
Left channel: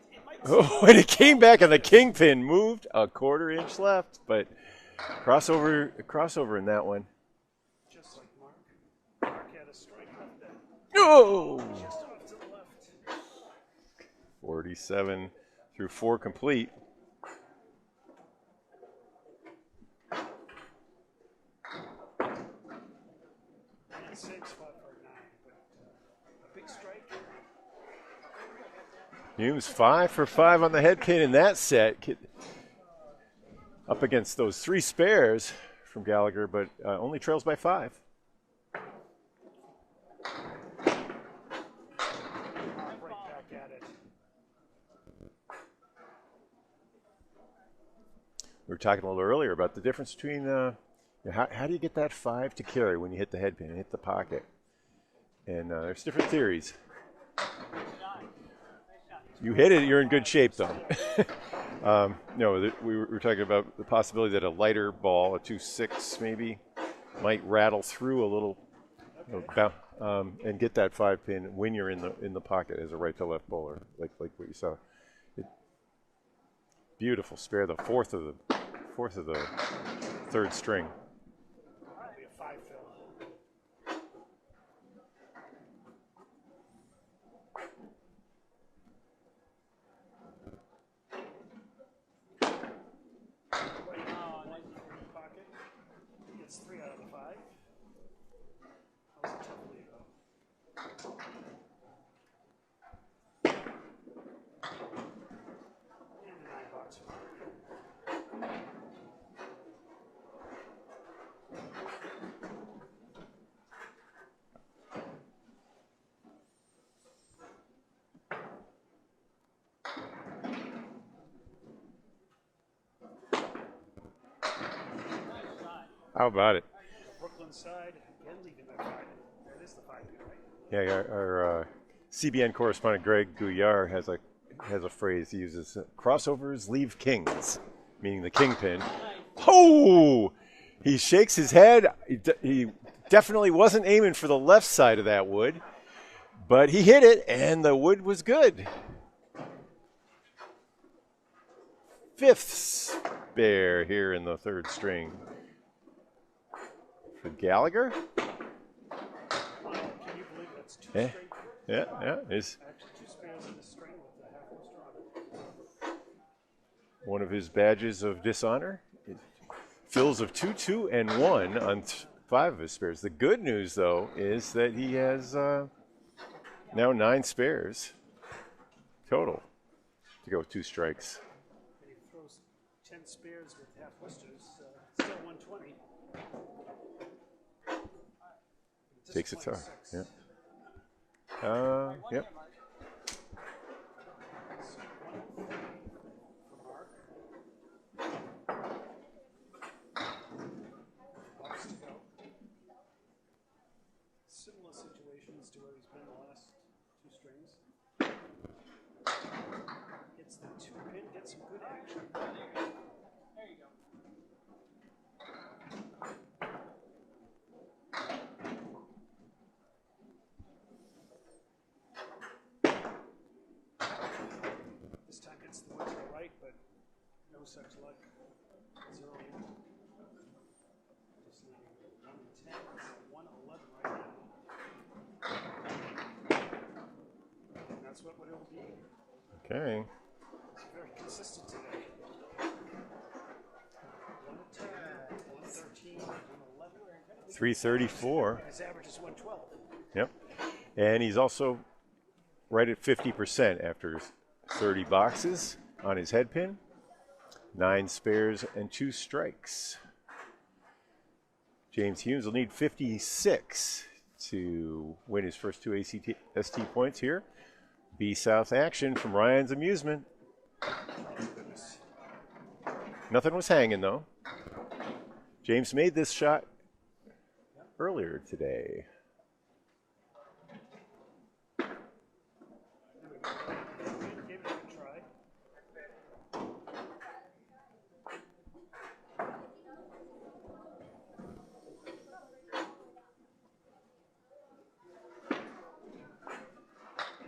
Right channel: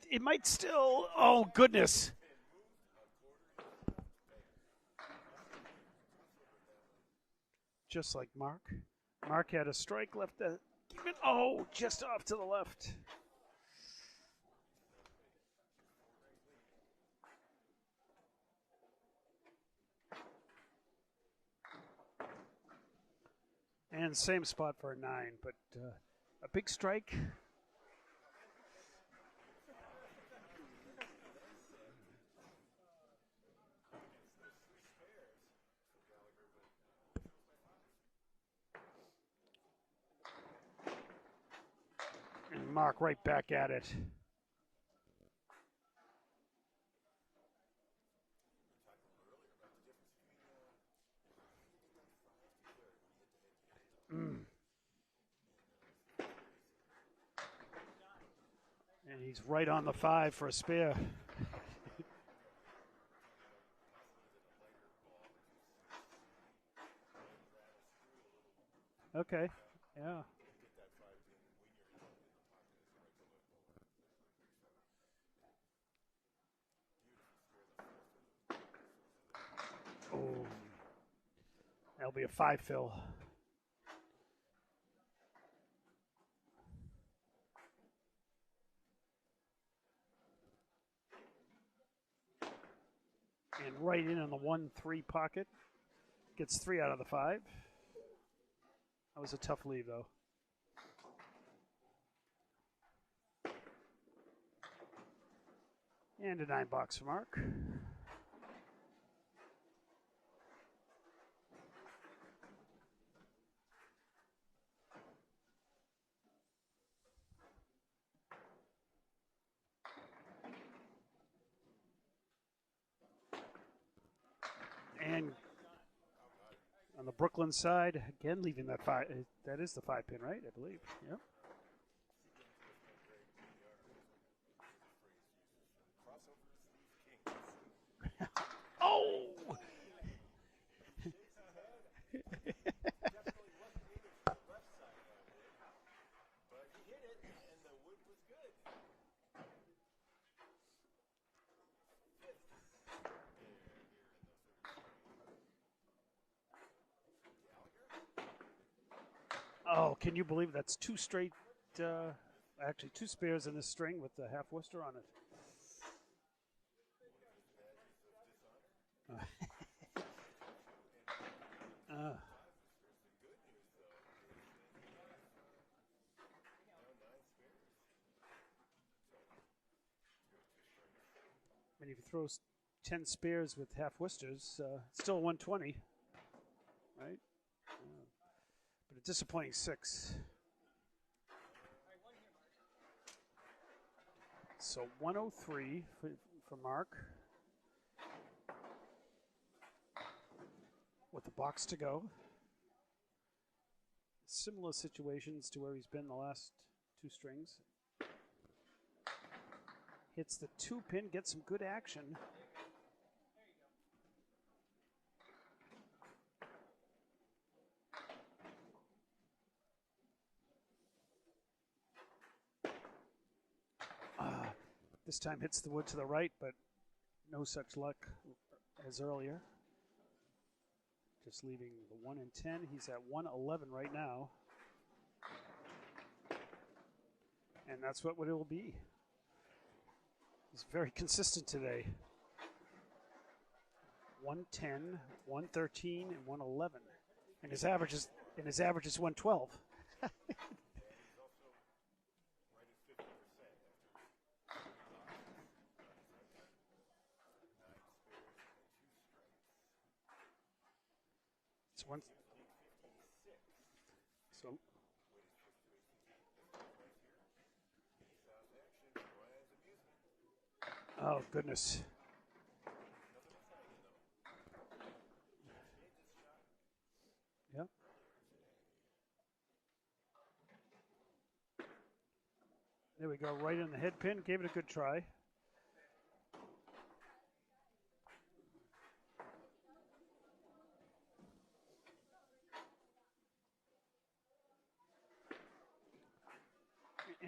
it might. Oh, and it came back, goodness. and the kingpin moved a 1/4 inch left, but crossover in that one. Just like Mark. Mark had a strike left. Oh, Just off to the left. 47 through 4 complete. And same spot for a 9, but a big strike. Humes 5 for 5 on the head pin in that set. Up against those 3 spares from Gallagher, but only trails by 5. Mark right back at it. We were talking a little earlier about the difference between how do you get that 5 to carry when you hit the head pin and hit the pocket? And there's different theories. You hit it, you're in good shape, though. We were talking about the possibility that a lighter ball, a 2.6 maybe, might rattle through a little, and get that 5 pin when you're in the pocket as a right to left bowler, like what you saw. Beautiful spare, the fourth of the third string. That'll be a 5 fill. right in on the 1-3 pocket. Gets 3 out of the 5. That was a tough lead, though. And a 9-box for Mark. How about it? On the Brooklyn side, again leaving that 5. That is the 5-pin, right? I believe. Yeah, our CBN correspondent Greg Gouillard has a phrase he uses: crossovers leave kings, meaning the kingpin. Oh! He shakes his head. He definitely wasn't aiming for the left side of that wood, but he hit it, and the wood was good. 5th spare here in the 3rd string. For Gallagher? Oh, can you believe that's 2 straight? Yeah. It's Actually, 2 spares in this string with the half Worcester on it. one of his badges of dishonor. Fills of 2, 2, and 1 on 5 of his spares. The good news, though, is that he has now 9 spares total to go with 2 strikes. And if he throws 10 spares with half Worcesters, still 120. But a disappointing 6. Yeah. Yep. So 103 for Mark. With the box to go. Similar situations to where he's been the last 2 strings. Hits the 2-pin, gets some good action. This time hits the wood to the right, but no such luck as earlier. Just leading 1 and 10. He's at 111 right now. And that's what it'll be. Okay. He's very consistent today. 110, 113, 111. 334. And his average is 112. Yep. And he's also right at 50% after 30 boxes on his head pin. 9 spares and 2 strikes. James Humes will need 56 to win his first 2 ACST points here. B South action from Ryan's Amusement. Oh, goodness. Nothing was hanging, though. James made this shot earlier today. There we go, right in the head pin. Gave it a good try.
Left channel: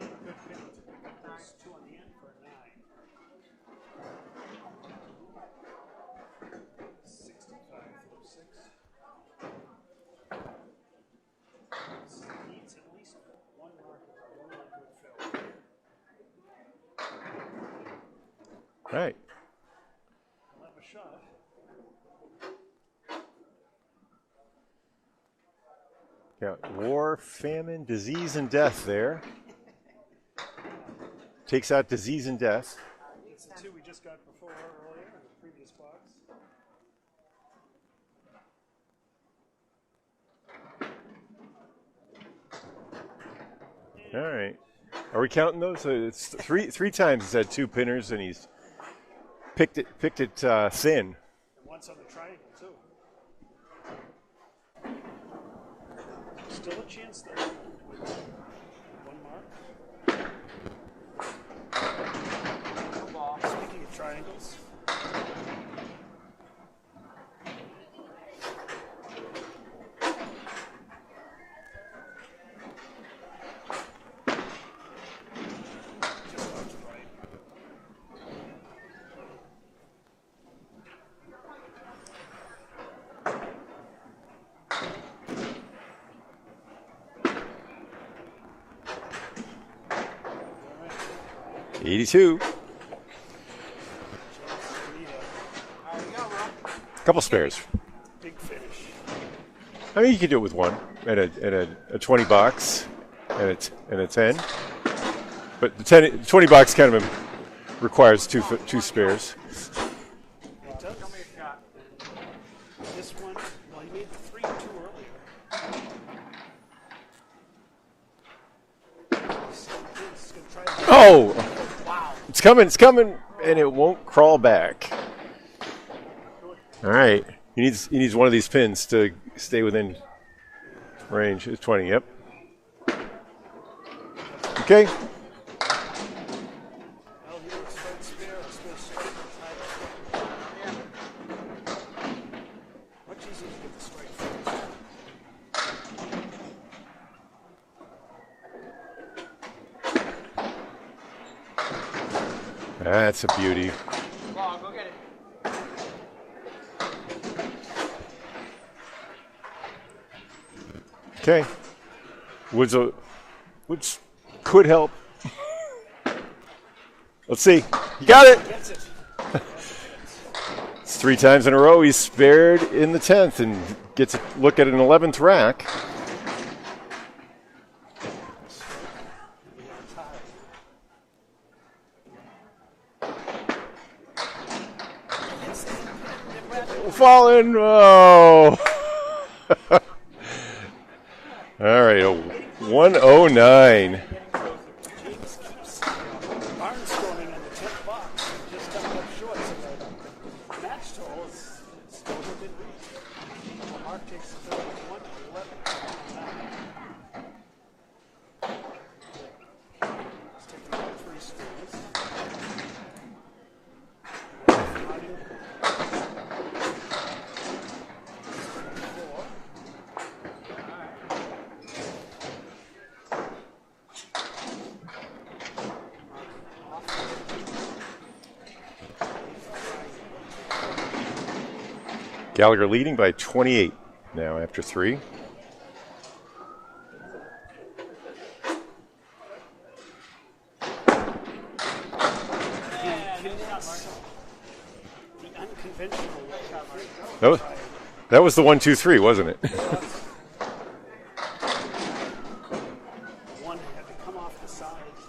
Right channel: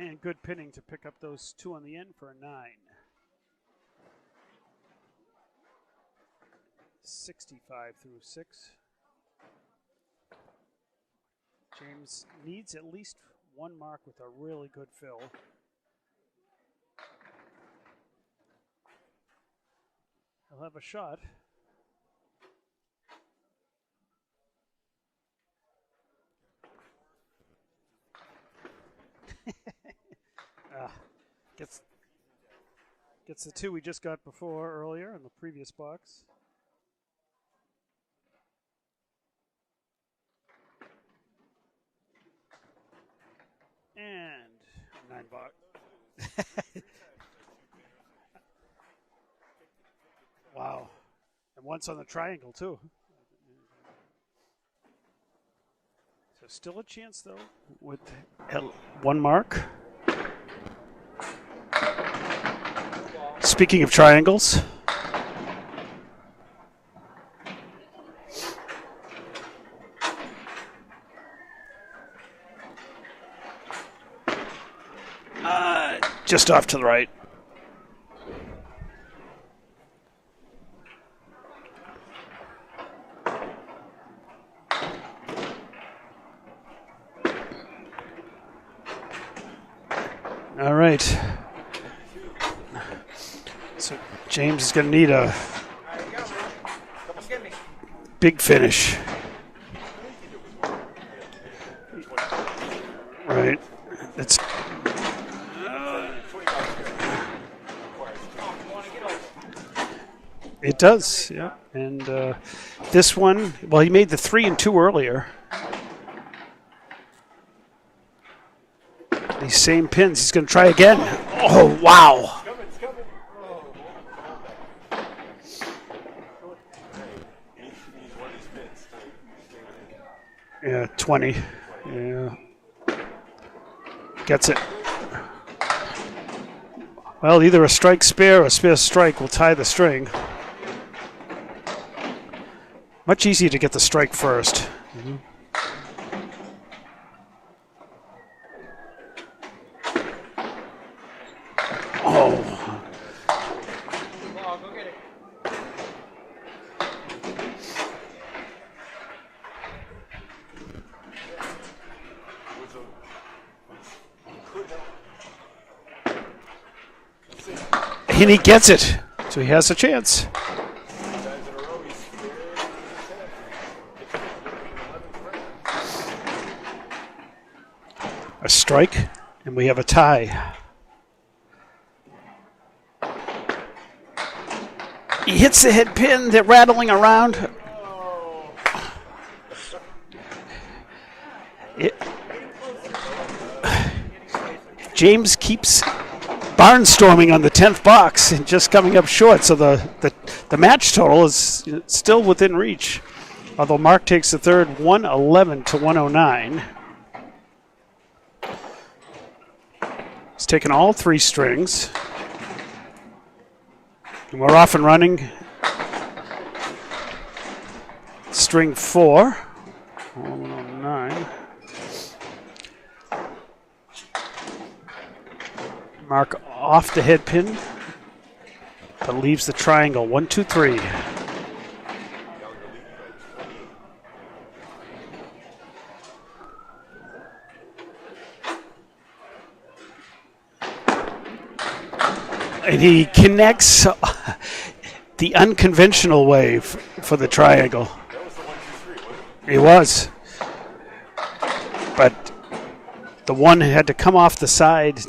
And good pinning to pick up those 2 on the end for a 9. 65 through 6. James needs at least 1 mark with a really good fill. Right. We'll have a shot. Got war, famine, disease, and death there. Takes out disease and death. Gets the 2 we just got before earlier in the previous box. And All right. Are we counting those? It's three times he's had 2 pinners, and he's picked it thin. And once on the triangle, too. Still a chance, though, with 1 mark. Speaking of triangles. Just off to the right. All right. 82. So James is going to need a Couple spares. Big finish. I mean, you could do it with one at a 20 box. Right. And a 10. But 20 box kind of requires two spares. It does, yeah. And this one, well, he made the 3 and 2 earlier. These same pins. He's going to try again. Oh, wow. It's coming, and it won't crawl back. All right. He needs one of these pins to stay within 20. range. 20, yep. Yeah. Gets it. Okay. Well, either a strike spare or a spare strike will tie the string. Much easier to get the strike first. Oh. That's a beauty. Okay. Which could help. Let's see. He gets it. So he has a chance. It's 3 times in a row he's spared in the 10th and gets a look at an 11th rack. A strike, and we have a tie. He hits the head pin. They're rattling around. Oh. All right, 109. James keeps barnstorming on the 10th box and just coming up short. So the match total is still within reach. Although Mark takes the third, 111 to 109. He's taken all 3 strings. And we're off and running. String 4. 109. Mark off the head pin, but leaves the triangle. 1, 2, 3. Gallagher leading by 28 now after 3. And he connects the unconventional way for the triangle. That was the 1, 2, 3, wasn't it? It was. But the one had to come off the side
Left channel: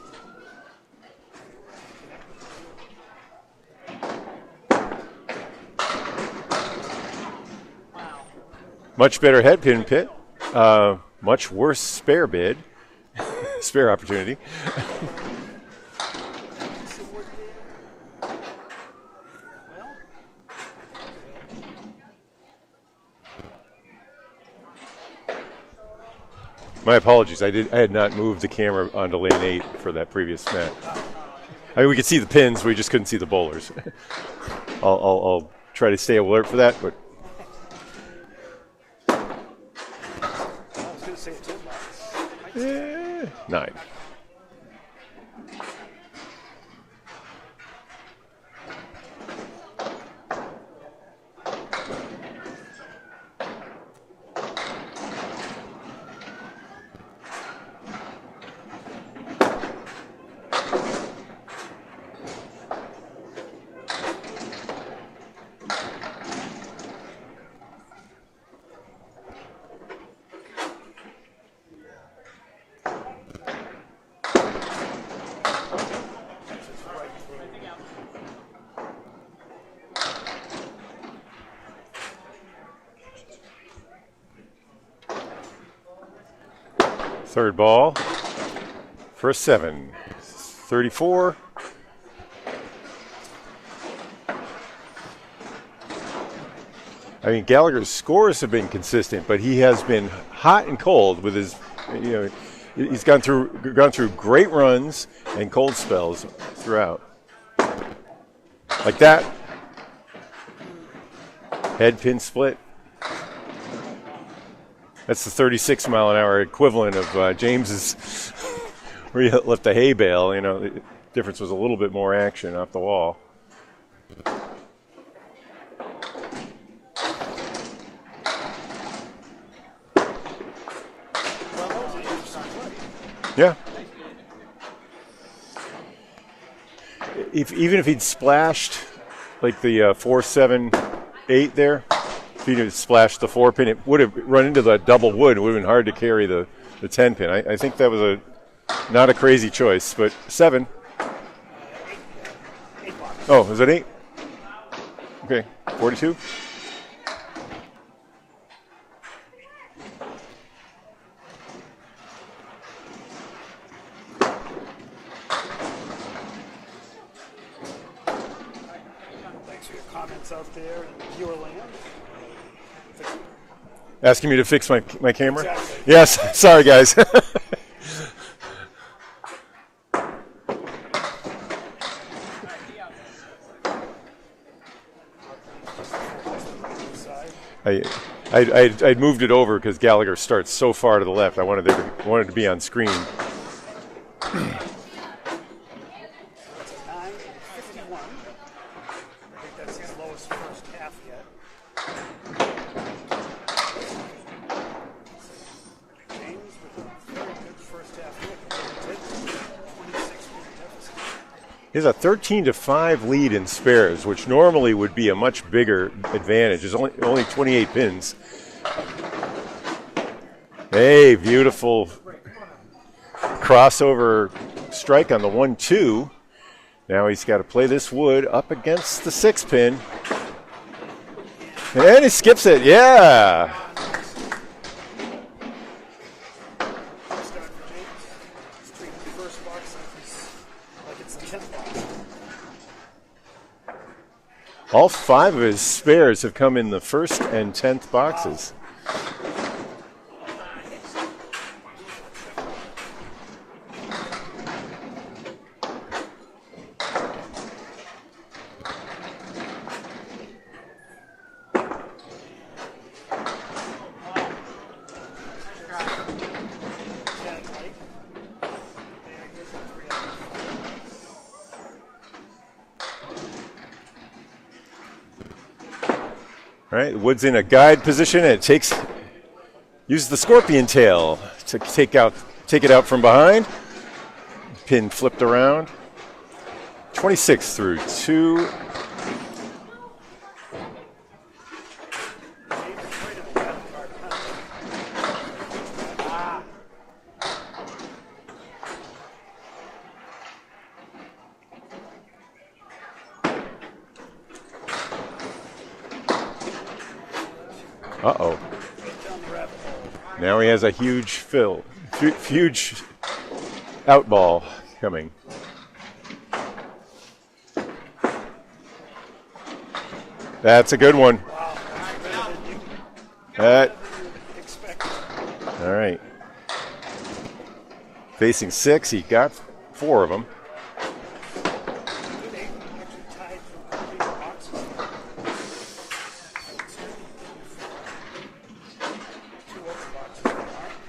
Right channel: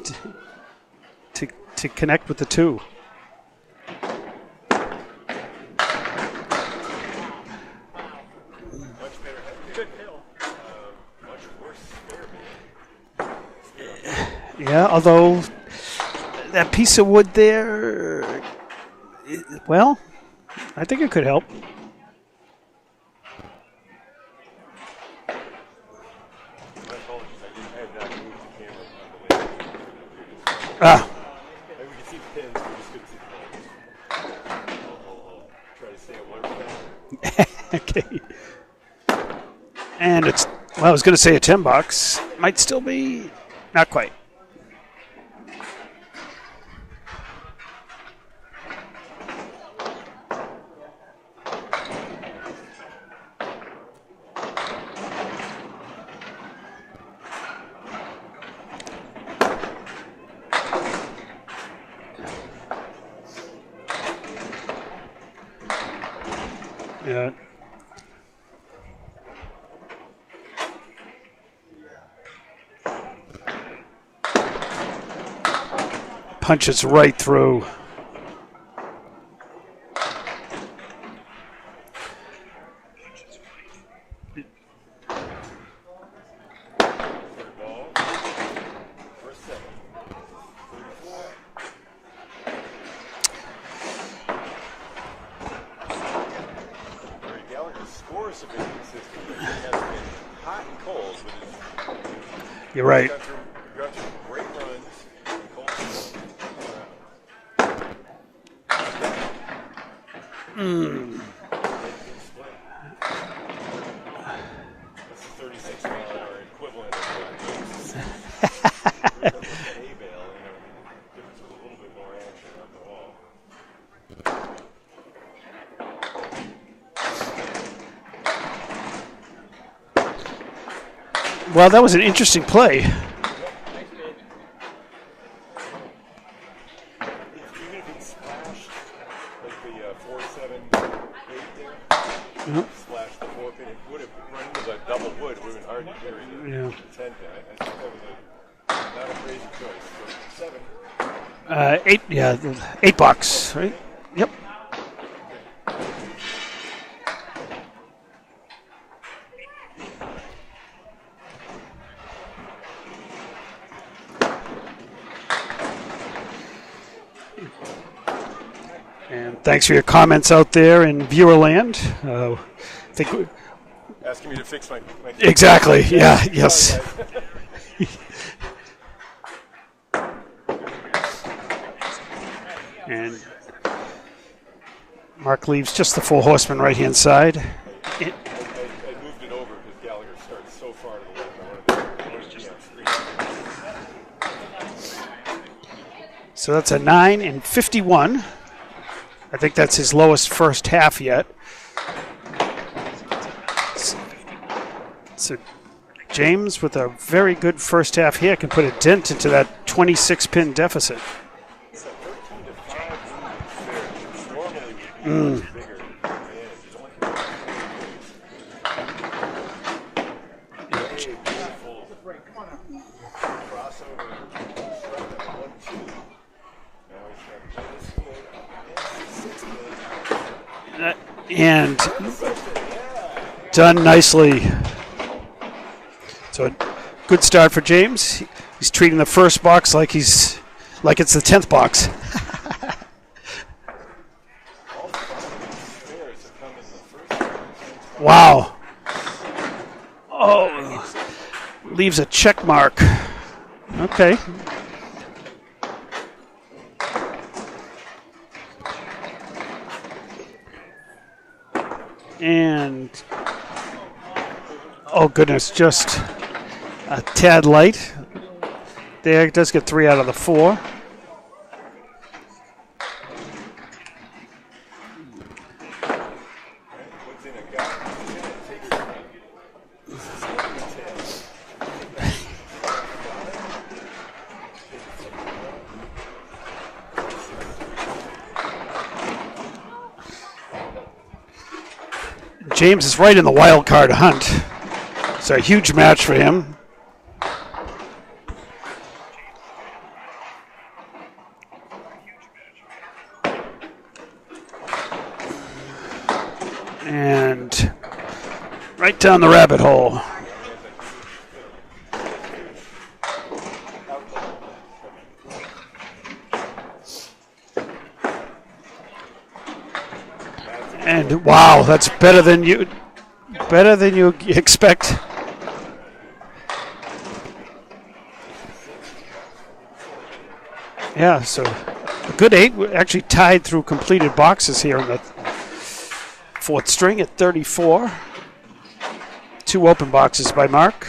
to connect with the 2. Much better head pin pit. Much worse spare bid. Spare opportunity. Yeah, although that piece of wood there, well, I think it could help. My apologies. I had not moved the camera onto lane 8 for that previous match. I mean, we could see the pins, we just couldn't see the bowlers. I'll try to stay alert for that, but Okay. And it's, well, I was going to say a 10 box. Might still be 9. not quite. Yeah. Punches right through. Third ball. First 7. 34. I mean, Gallagher's scores have been consistent, but he has been hot and cold with his, You're right. He's gone through great runs and cold spells throughout. Like that. Head pin split. That's the 36-mile-an-hour equivalent of James's where you left the hay bale. The difference was a little bit more action off the wall. Well, that was an interesting play. Yeah. Even if he'd splashed like the 4, 7, 8 there. If you had splashed the 4-pin, it would have run into the double wood. It would have been hard to carry the 10-pin. I think that was not a crazy choice, but 7. 8, yeah, 8 bucks. Oh, is it 8? Yep. Okay, 42. And thanks for your comments out there in viewer land. I think Asking me to fix my camera. exactly. Yes. Yeah, Sorry, yes. guys. And Mark leaves just the 4 horsemen right-hand side. I moved it over because Gallagher starts so far to the left. I wanted to be on screen. So that's a 9 and 51. I think that's his lowest first half yet. So James, with a very good first half here, can put a dent into that 26-pin deficit. He has a 13-5 lead in spares, which normally would be a much bigger advantage. There's only 28 pins. Hey, beautiful crossover strike on the 1-2. Now he's got to play this wood up against the 6-pin. And he skips it, yeah. Done nicely. So a good start for James. He's treating the first box like it's the 10th box. All 5 of his spares have come in the first and 10th box. Wow. Oh, leaves a check mark. Okay. And, oh goodness, just a tad light. There, it does get 3 out of the 4. All right, wood's in a guide position, and it uses the scorpion tail to take it out from behind. Pin flipped around. 26 through 2. James is right in the wild card hunt. It's a huge match for him. And right down the rabbit hole. Now he has a huge huge out ball coming. That's a good one. Wow, that's better than you expect. All right. Facing 6, he got 4 of them. Yeah, so a good 8. We're actually tied through completed boxes here in the 4th string at 34. 2 open boxes by Mark.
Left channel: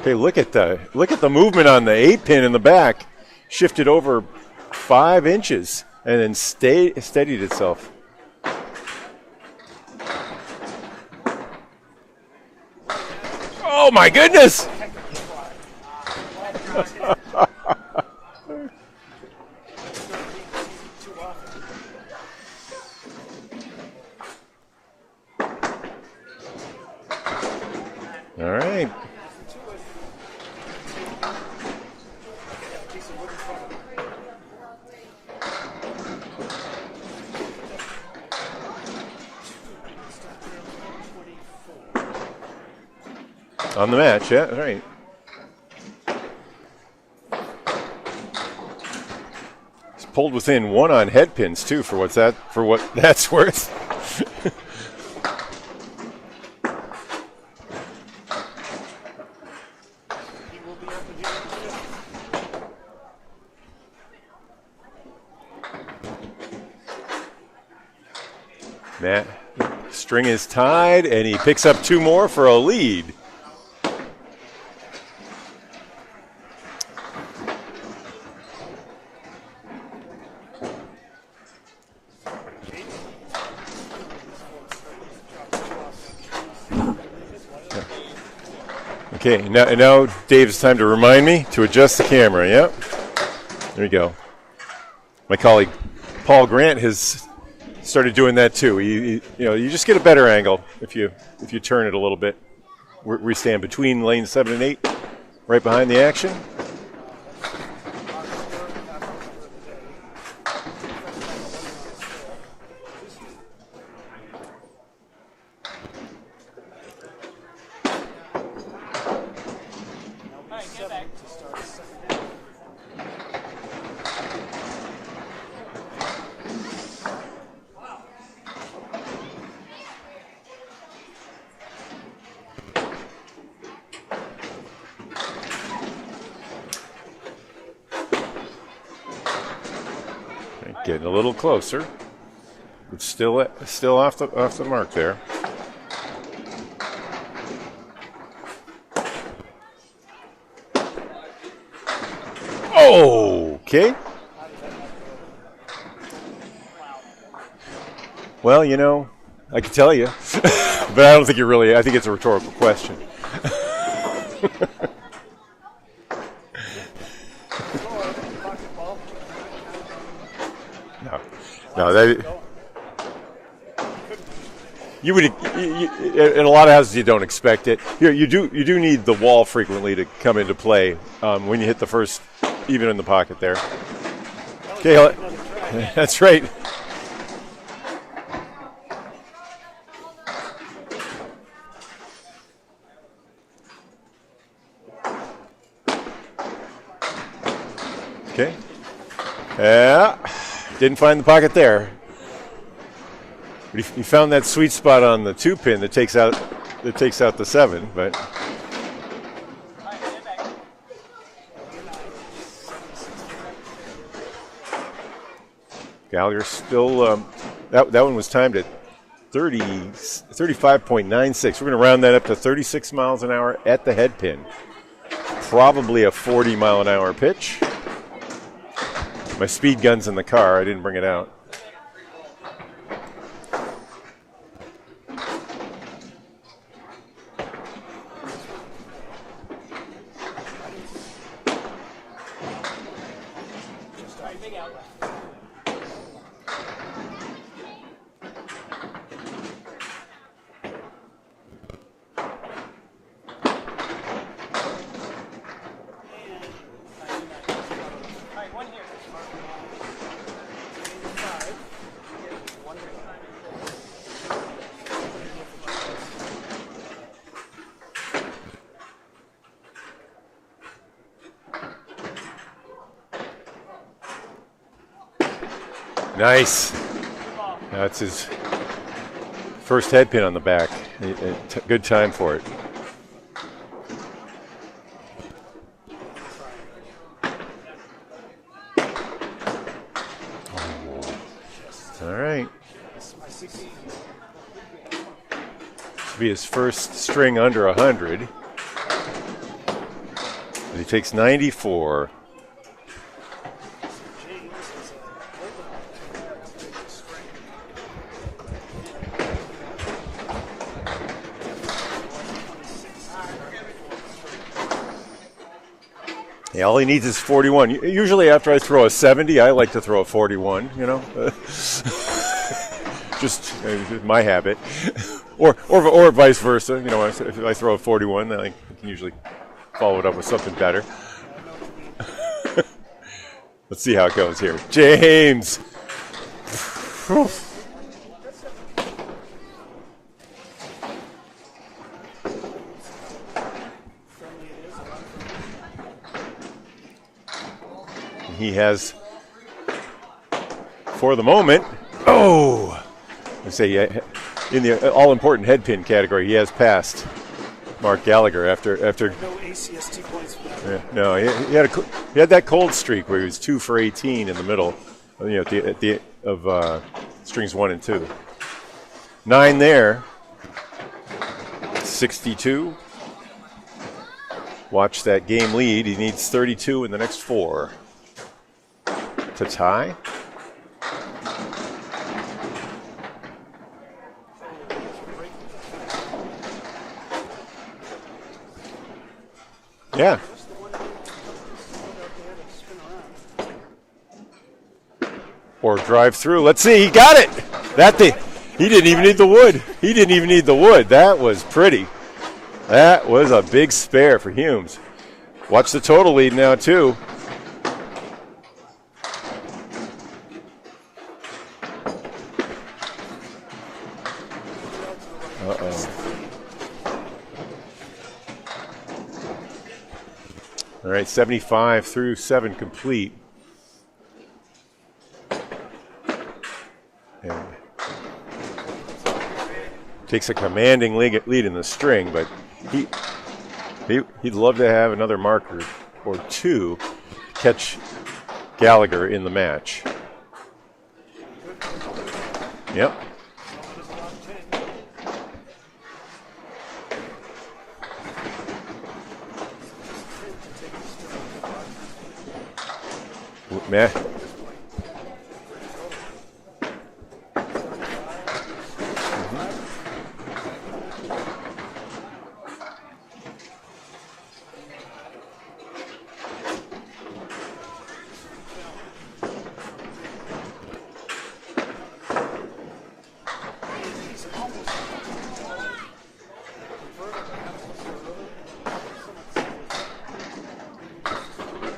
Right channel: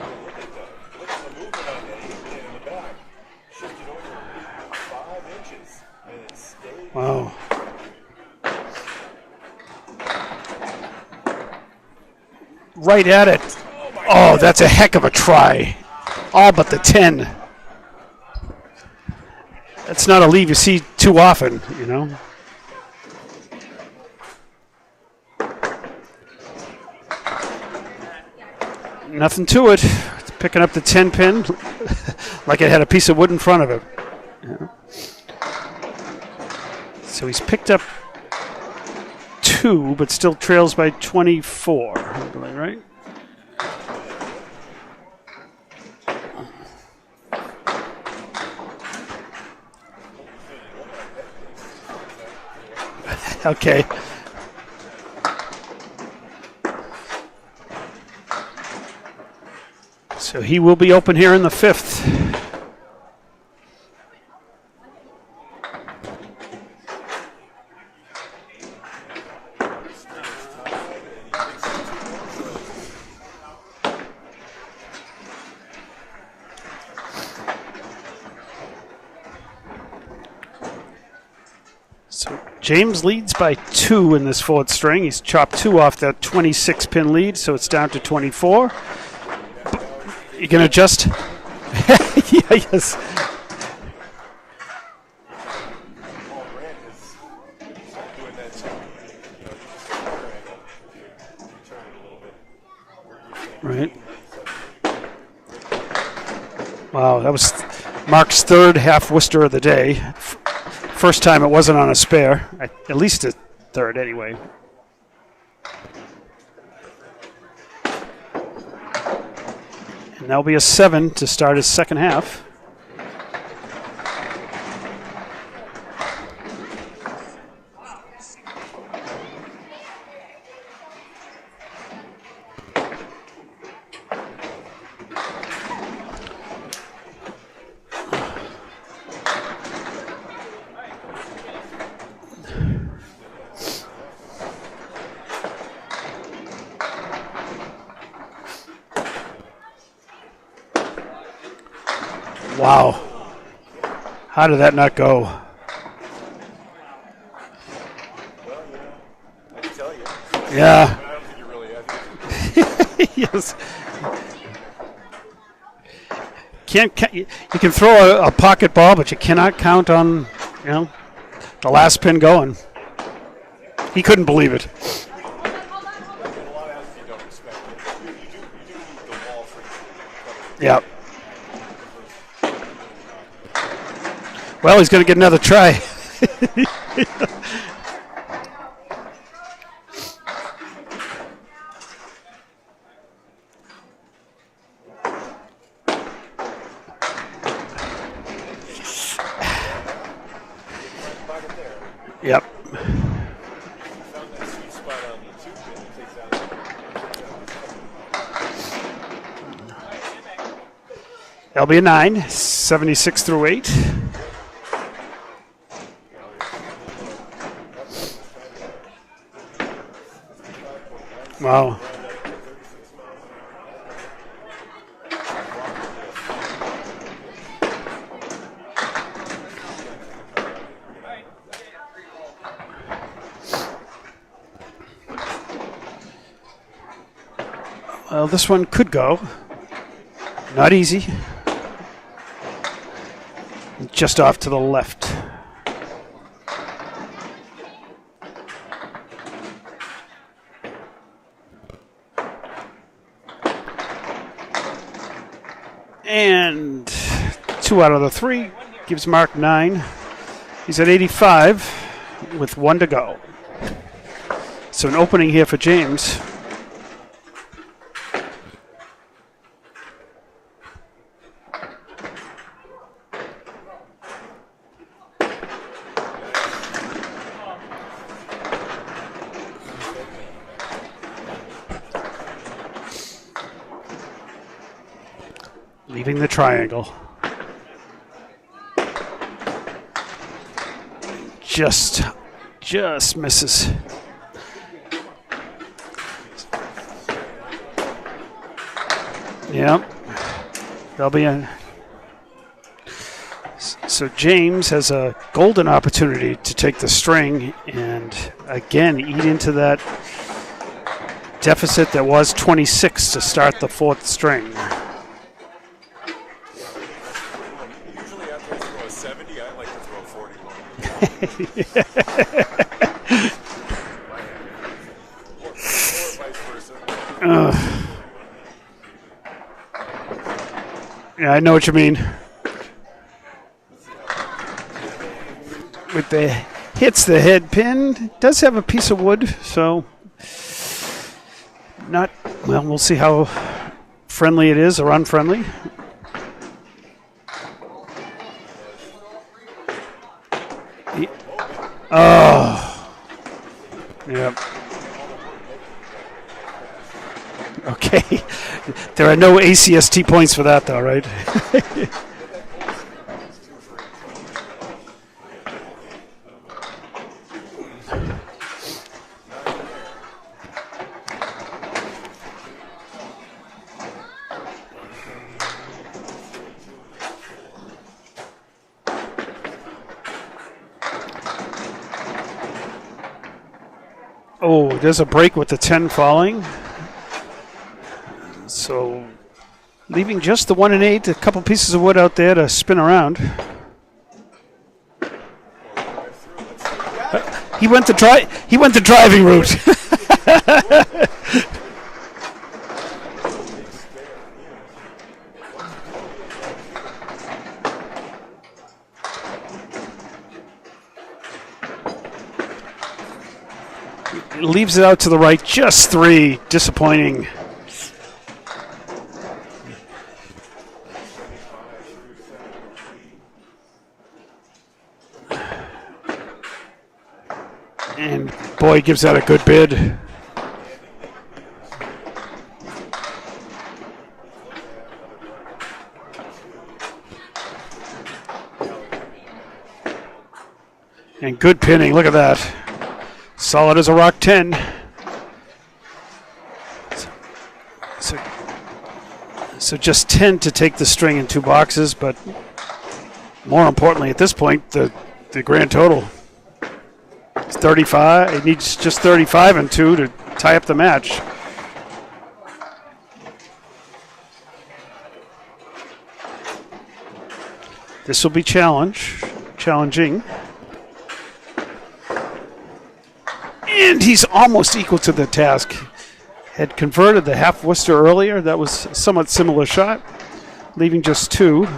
Okay, look at the movement on the 8-pin in the back. Shifted over 5 inches and then steadied itself. Right at it. Oh my goodness! Oh, that's a heck of a try. All but the 10. That's not a leave you see too often, you know. All right. Nothing to it. It's picking up the 10-pin like it had a piece of wood in front of it. Yeah. So he's picked up 2, but still trails by 24. Right? On the match, yeah, right. He's pulled within 1 on head pins too, for what that's worth. Okay. So he will be open here in the 5th. Matt, string is tied, and he picks up 2 more for a lead. So James leads by 2 in this 4th string. He's chopped 2 off that 26-pin lead, so it's down to 24. Okay, now Dave's trying to remind me to adjust the camera. Yep. Yes. There you go. My colleague Paul Grant has started doing that too. You just get a better angle if you turn it a little bit. We stand between lanes 7 and 8, right behind the action. Wow, that was Mark's third half Worcester of the day. First time it wasn't on a spare, at least a third anyway. And that'll be a 7 to start his second half. Getting a little closer. It's still off the mark there. Wow. Okay. How did that not go? Well, I can tell you. Yeah. But I don't think you really. I think it's a rhetorical question. Yes. You can throw a pocket ball, but you cannot count on, the last pin going. He couldn't believe it. You would, in a lot of houses, you don't expect it. You do need the wall frequently to come into play when you hit the first, even in the pocket there. Well, he's going to get another try. That's right. Okay. Yeah. Didn't find the pocket there. Yep. But he found that sweet spot on the 2-pin that takes out the 7, but that'll be a 9, 76 through 8. Gallagher still that one was timed at 35.96. Wow. We're going to round that up to 36 miles an hour at the head pin. Probably a 40-mile-an-hour pitch. My speed gun's in the car. I didn't bring it out. Well, this one could go. Not easy. Just off to the left. And 2 out of the 3 gives Mark 9. He's at 85 with 1 to go. So an opening here for James. Nice. That's his first head pin on the back. Good time for it. Leaving the triangle. Just misses. Be his first string under 100. Yep. He takes 94. So James has a golden opportunity to take the string and again eat into that deficit that was 26 to start the 4th string. Yeah, all he needs is 41. Usually after I throw a 70, I like to throw a 41, Just my habit. Or vice versa. When I throw a 41, I usually follow it up with something better. Yeah, I know what you mean. Let's see how it goes here. James. With the hits the head pin. Does have a piece of wood, so we'll see how friendly it is or unfriendly. He has, for the moment, I say in the all-important head pin category, he has passed Mark Gallagher after. There are no ACST points for that, though, right? No, he had that cold streak where he was 2 for 18 in the middle, at the of strings 1 and 2. 9 there. 62. Watch that game lead. He needs 32 in the next 4 to tie. Oh, there's a break with the 10 falling. So leaving just the 1 and 8, a couple pieces of wood out there to spin around. or drive through. Let's see. He got it. He went That to thing- He went to didn't even driving need the route. wood. He didn't even need the wood. That was pretty. That was a big spare for Humes. Watch the total lead now, too. Leaves it out to the right, just 3. Disappointing. All right, 75 through 7 complete. And boy, gives that a good bid. Takes a commanding lead in the string, but he'd love to have another marker or 2 catch Gallagher in the match. And good pinning, look at that. Yep. Solid as a rock 10. So just 10 to take the string in 2 boxes, but more importantly at this point, the grand total. It's 35. It needs just 35 and 2 to tie up the match. This will be challenging. And he's almost equal to the task. Had converted the half Worcester earlier. That was a somewhat similar shot, leaving just 2.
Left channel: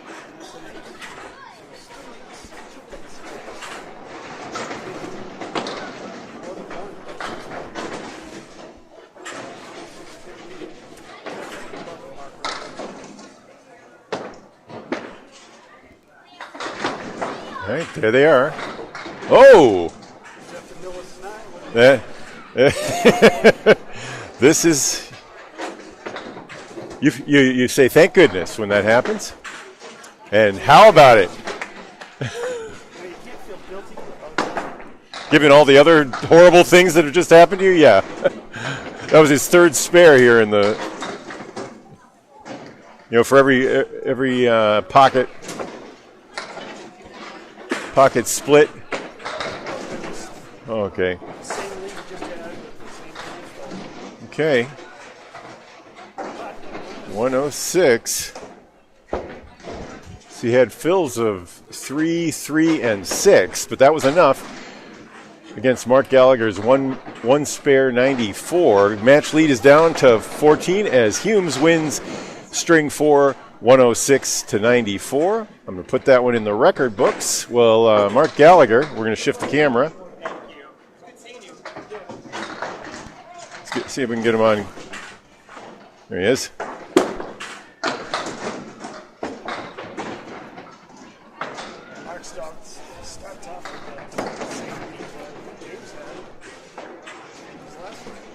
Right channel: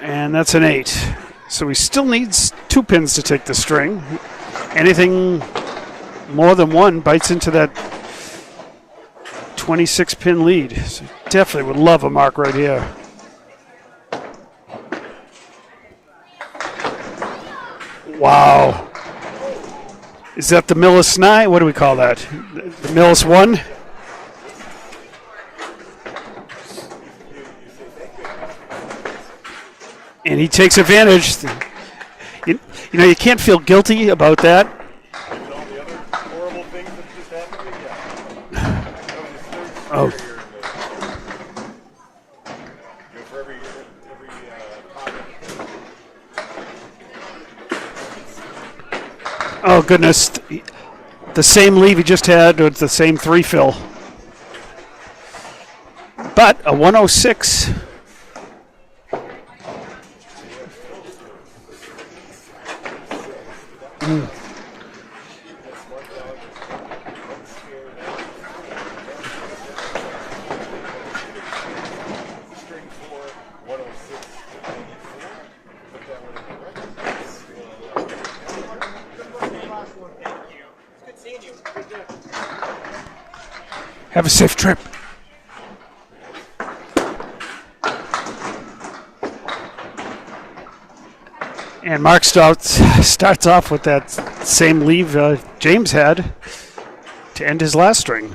And that's an 8. So he still needs 2 pins to take the string. Anything more than 1 bites into that 26 pin lead. So definitely would love a mark right here. All right, there they are. Wow. Oh! Is that the Millis MA? What do we call that? The Millis 1? This is, you say thank goodness when that happens. And he And takes how about advantage. You know, you can't feel guilty about that. Given all the other horrible things that have just happened to you, yeah. That was his 3rd spare here in the, for every pocket split. Oh, goodness. Okay. The same leave he just had with the same 3 fill. Okay. But a 106. 106. So he had fills of 3, 3, and 6, but that was enough against Mark Gallagher's one spare 94. Match lead is down to 14 as Humes wins string 4, 106 to 94. I'm going to put that one in the record books. Well, Mark Gallagher, we're going to shift the camera. Let's see if we can Have a get him safe on. trip. There he is. And Mark starts off with that same leave James had to end his last string.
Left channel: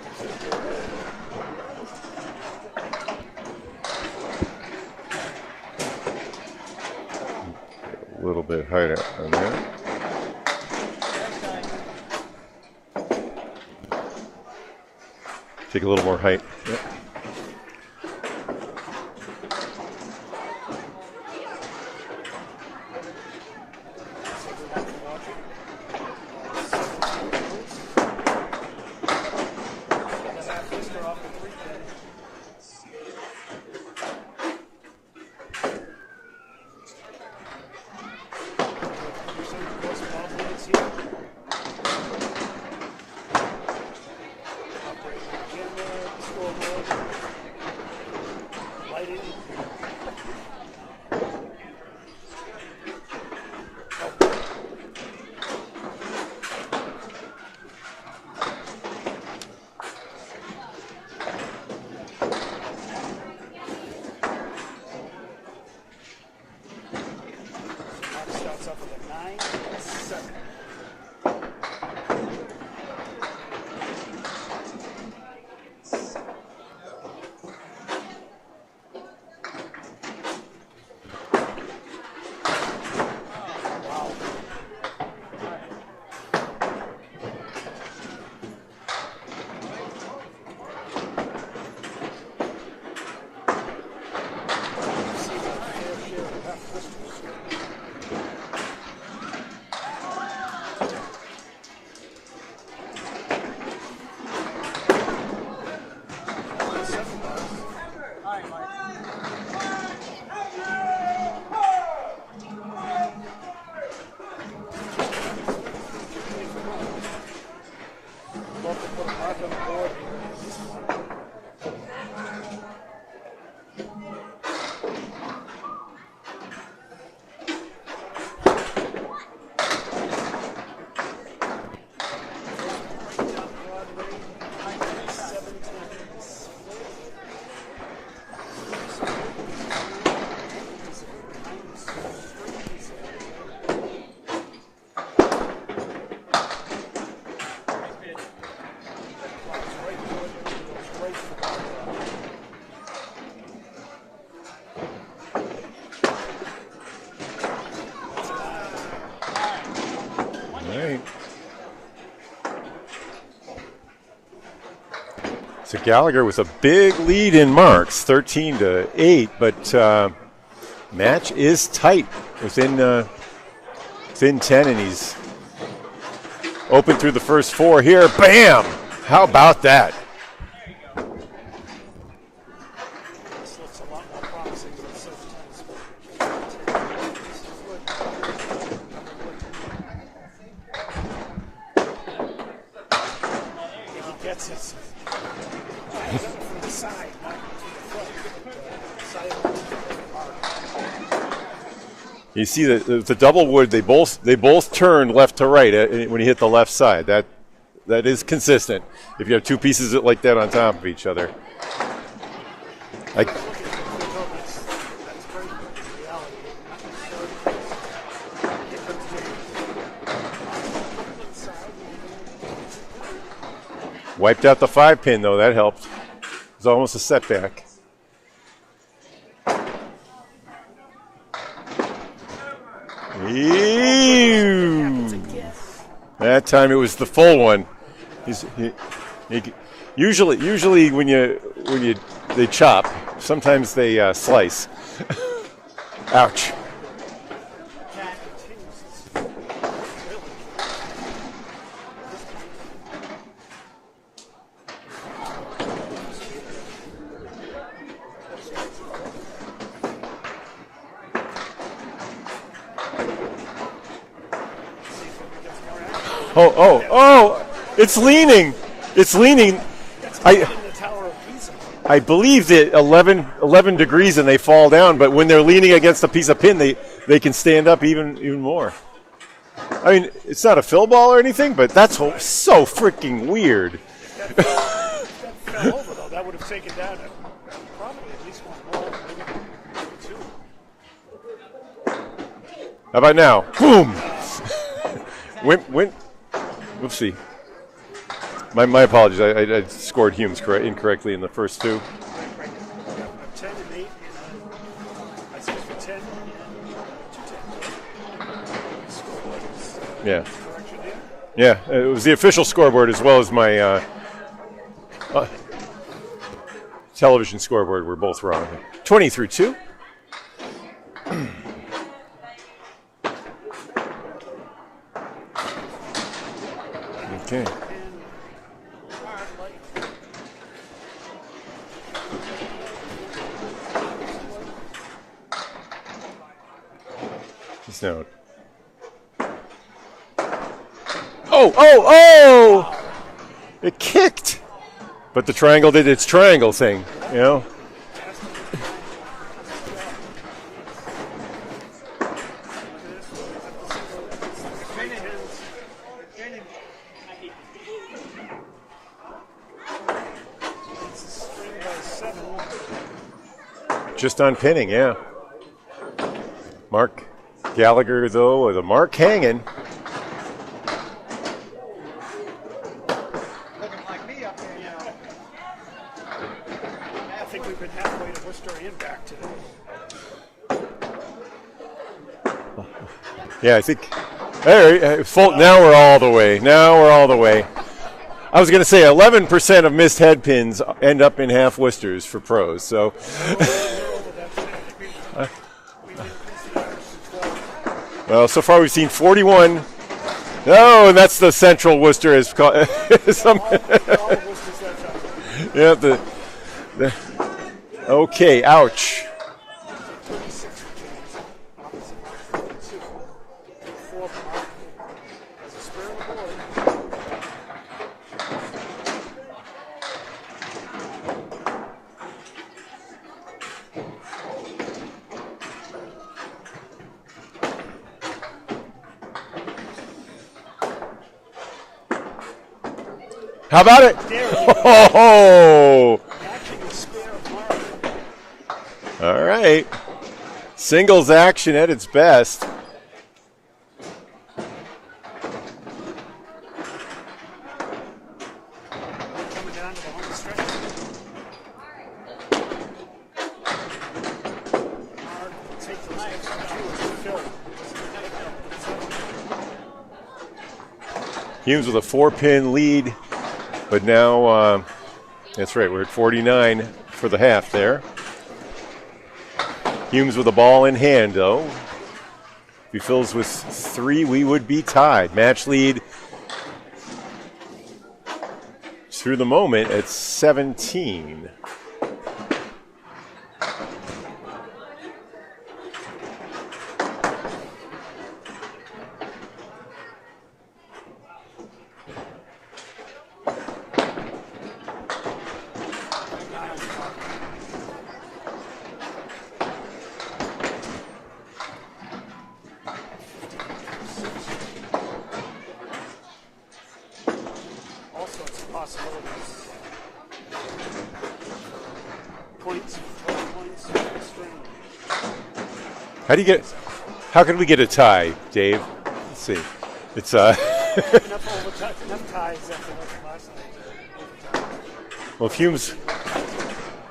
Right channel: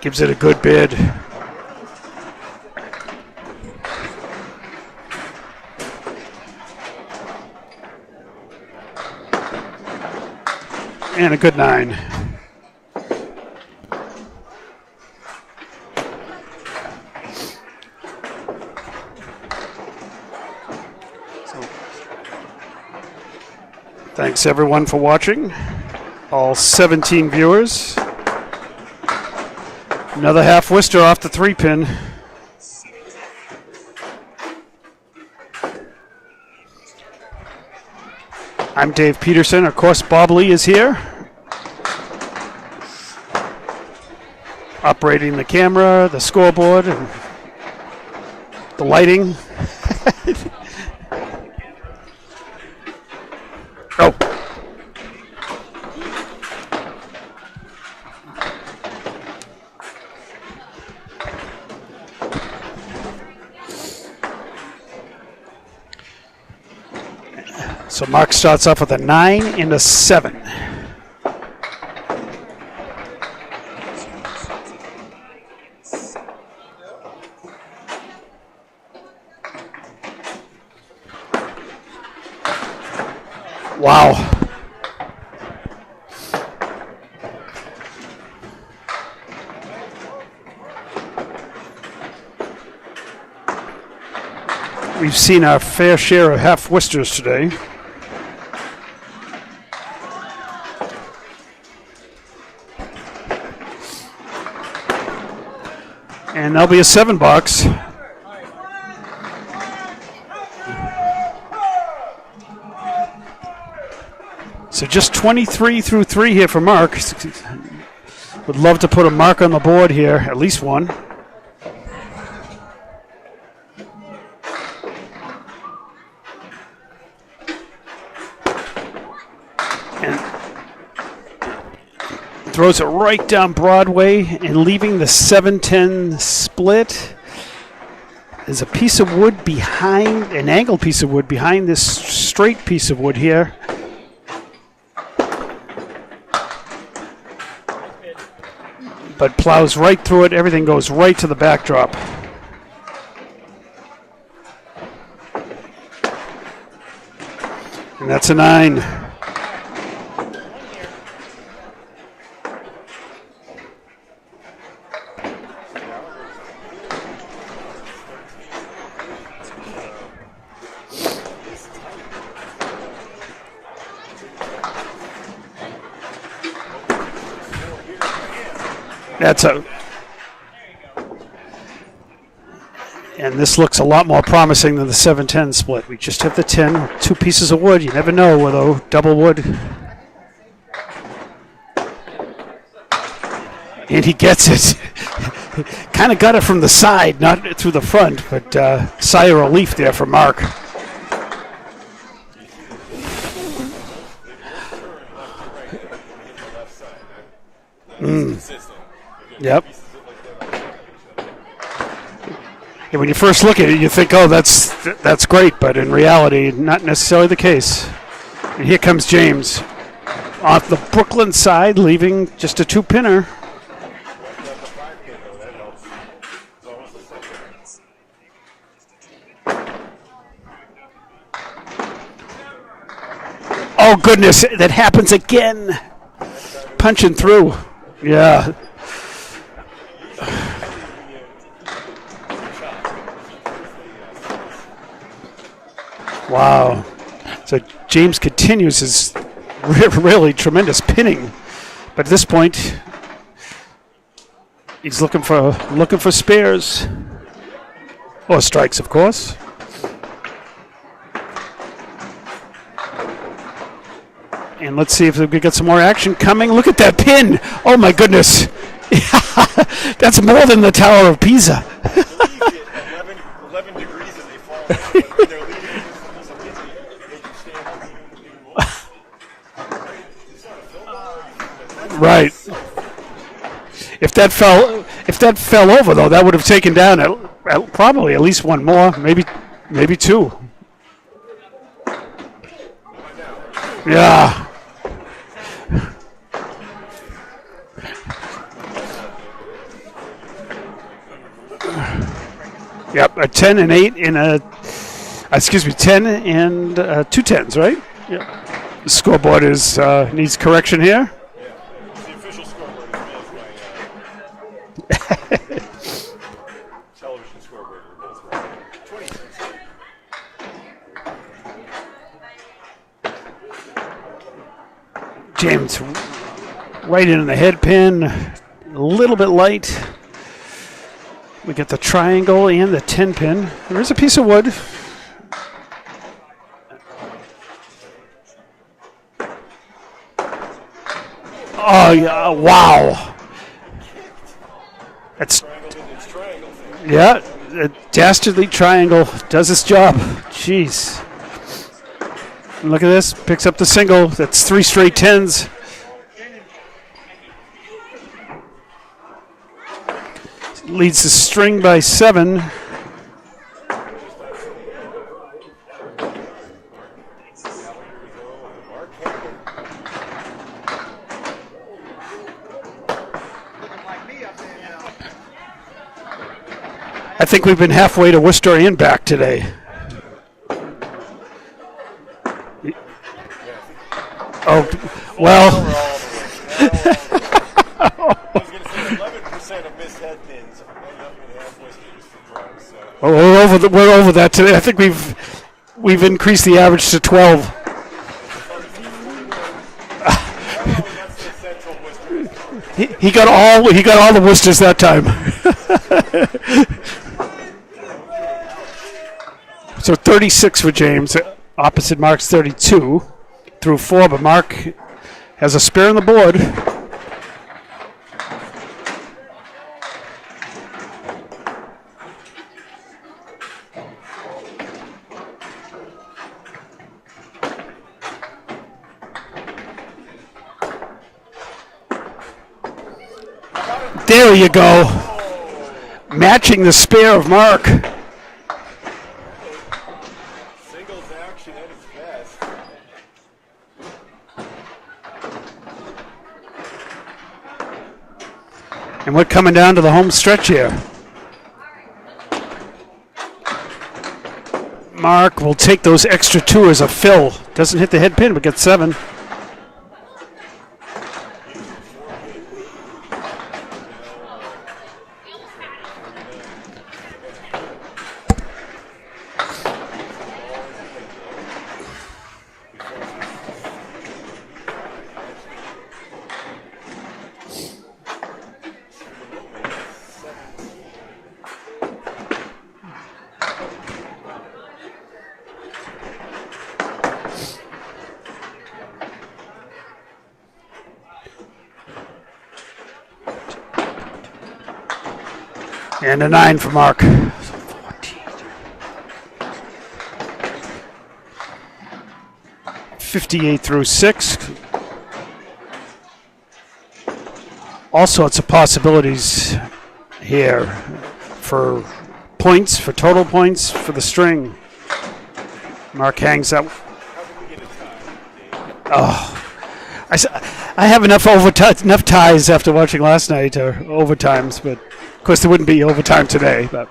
Gives it a good bid. A little bit higher on there. And a good 9. Take a little more height. Yep. Thanks everyone for watching. All 17 viewers. Another half Worcester off the 3 pin. I'm Dave Peterson. Of course, Bob Lee is here. Operating the camera, the scoreboard, and the lighting. Oh. So Mark starts off with a 9 and a 7. Wow. We've seen our fair share of half Worcesters today. And that'll be a 7 box. So just 23 through 3 here for Mark. Would love to put a mark on the board here, at least one. And throws it right down Broadway and leaving the 7-10 split. There's a piece of wood behind, an angled piece of wood behind this straight piece of wood here. But plows right through it. Everything goes right to the backdrop. And that's a 9. So Gallagher with a big lead in marks, 13-8, but match is tight within 10, and he's open through the first 4 here. Bam! How about that? And this looks a lot more promising than the 7-10 split. We just have the 10, 2 pieces of wood. You never know with a double wood. And he gets it. Kind of got it from the side, not through the front, but sigh of relief there for Mark. You see the double wood, they both turn left to right when you hit the left side. That is consistent. If you have 2 pieces like that on top of each other. Yeah, when you first look at it, you think, oh, that's great, but in reality, not necessarily the case. And here comes James off the Brooklyn side, leaving just a 2-pinner. Wiped out the 5-pin, though. That helped. It was almost a setback. Oh, goodness, that happens again. That time it was punching the full through. one. Yeah. Usually when they chop, sometimes they slice. Ouch. Wow. So James continues his really tremendous pinning, but at this point, he's looking for spares or strikes, of course. And let's see if we get some more action coming. Look at that pin. Oh, my goodness. Leaning. It's leaning. That's more than the Tower of Pisa. I believe that 11 degrees and they fall down, but when they're leaning against a piece of pin, they can stand up even more. I mean, it's not a fill ball or anything, but that's right. So freaking weird. If that fell over, though, that would have taken down probably at least one more, maybe 2. How about now? Boom. Yeah. Win. Let's see. My apologies. I scored Humes incorrectly in the first 2. Yep, a 10 and 8 in 10 and 2 10s, right? Yep. The scoreboard needs correction here. Yeah, it was the official scoreboard as well as my television scoreboard. We're both wrong. 20-2. James right into the head pin, a little bit light. We get the triangle and the 10 pin. There's a piece of wood. Oh, wow. It kicked. But the triangle did its triangle thing. Yeah, you know? a dastardly triangle does its job. Jeez. And look at this, picks up the single. That's 3 straight 10s. Leads the string by 7. Just on pinning, yeah. Mark Gallagher, though, with a mark hanging. I think we've been halfway to Worcester and back today. Yeah, I think. Now we're all the way. I was going to say 11% of missed head pins end up in half Worcesters for pros. So we're over that today. I think we've increased the average to 12. Well, so far we've seen 41 Oh, that's the Central Worcester is called. He got all the Worcesters that time. Okay, ouch. So 36 for James, opposite Mark's 32 through 4, but Mark has a spare on the board. How about it? There you go. Oh, Matching the spare of Mark. all right. Singles action at its best. And we're coming down to the home stretch here. Mark will take those extra 2 as a fill. Doesn't hit the head pin, but gets 7. Humes with a 4-pin lead, but now, that's right, we're at 49 for the half there. Humes with a ball in hand, though. If he fills with 3, we would be tied. Match lead through the moment at 17. And a 9 for Mark. 58 through 6. All sorts of possibilities here for points, for total points, for the string. Mark hangs up. How can we get a tie, Dave? Oh. Let's see. It's, I have enough ties after watching last night, or overtimes, but of course there wouldn't be overtime today. But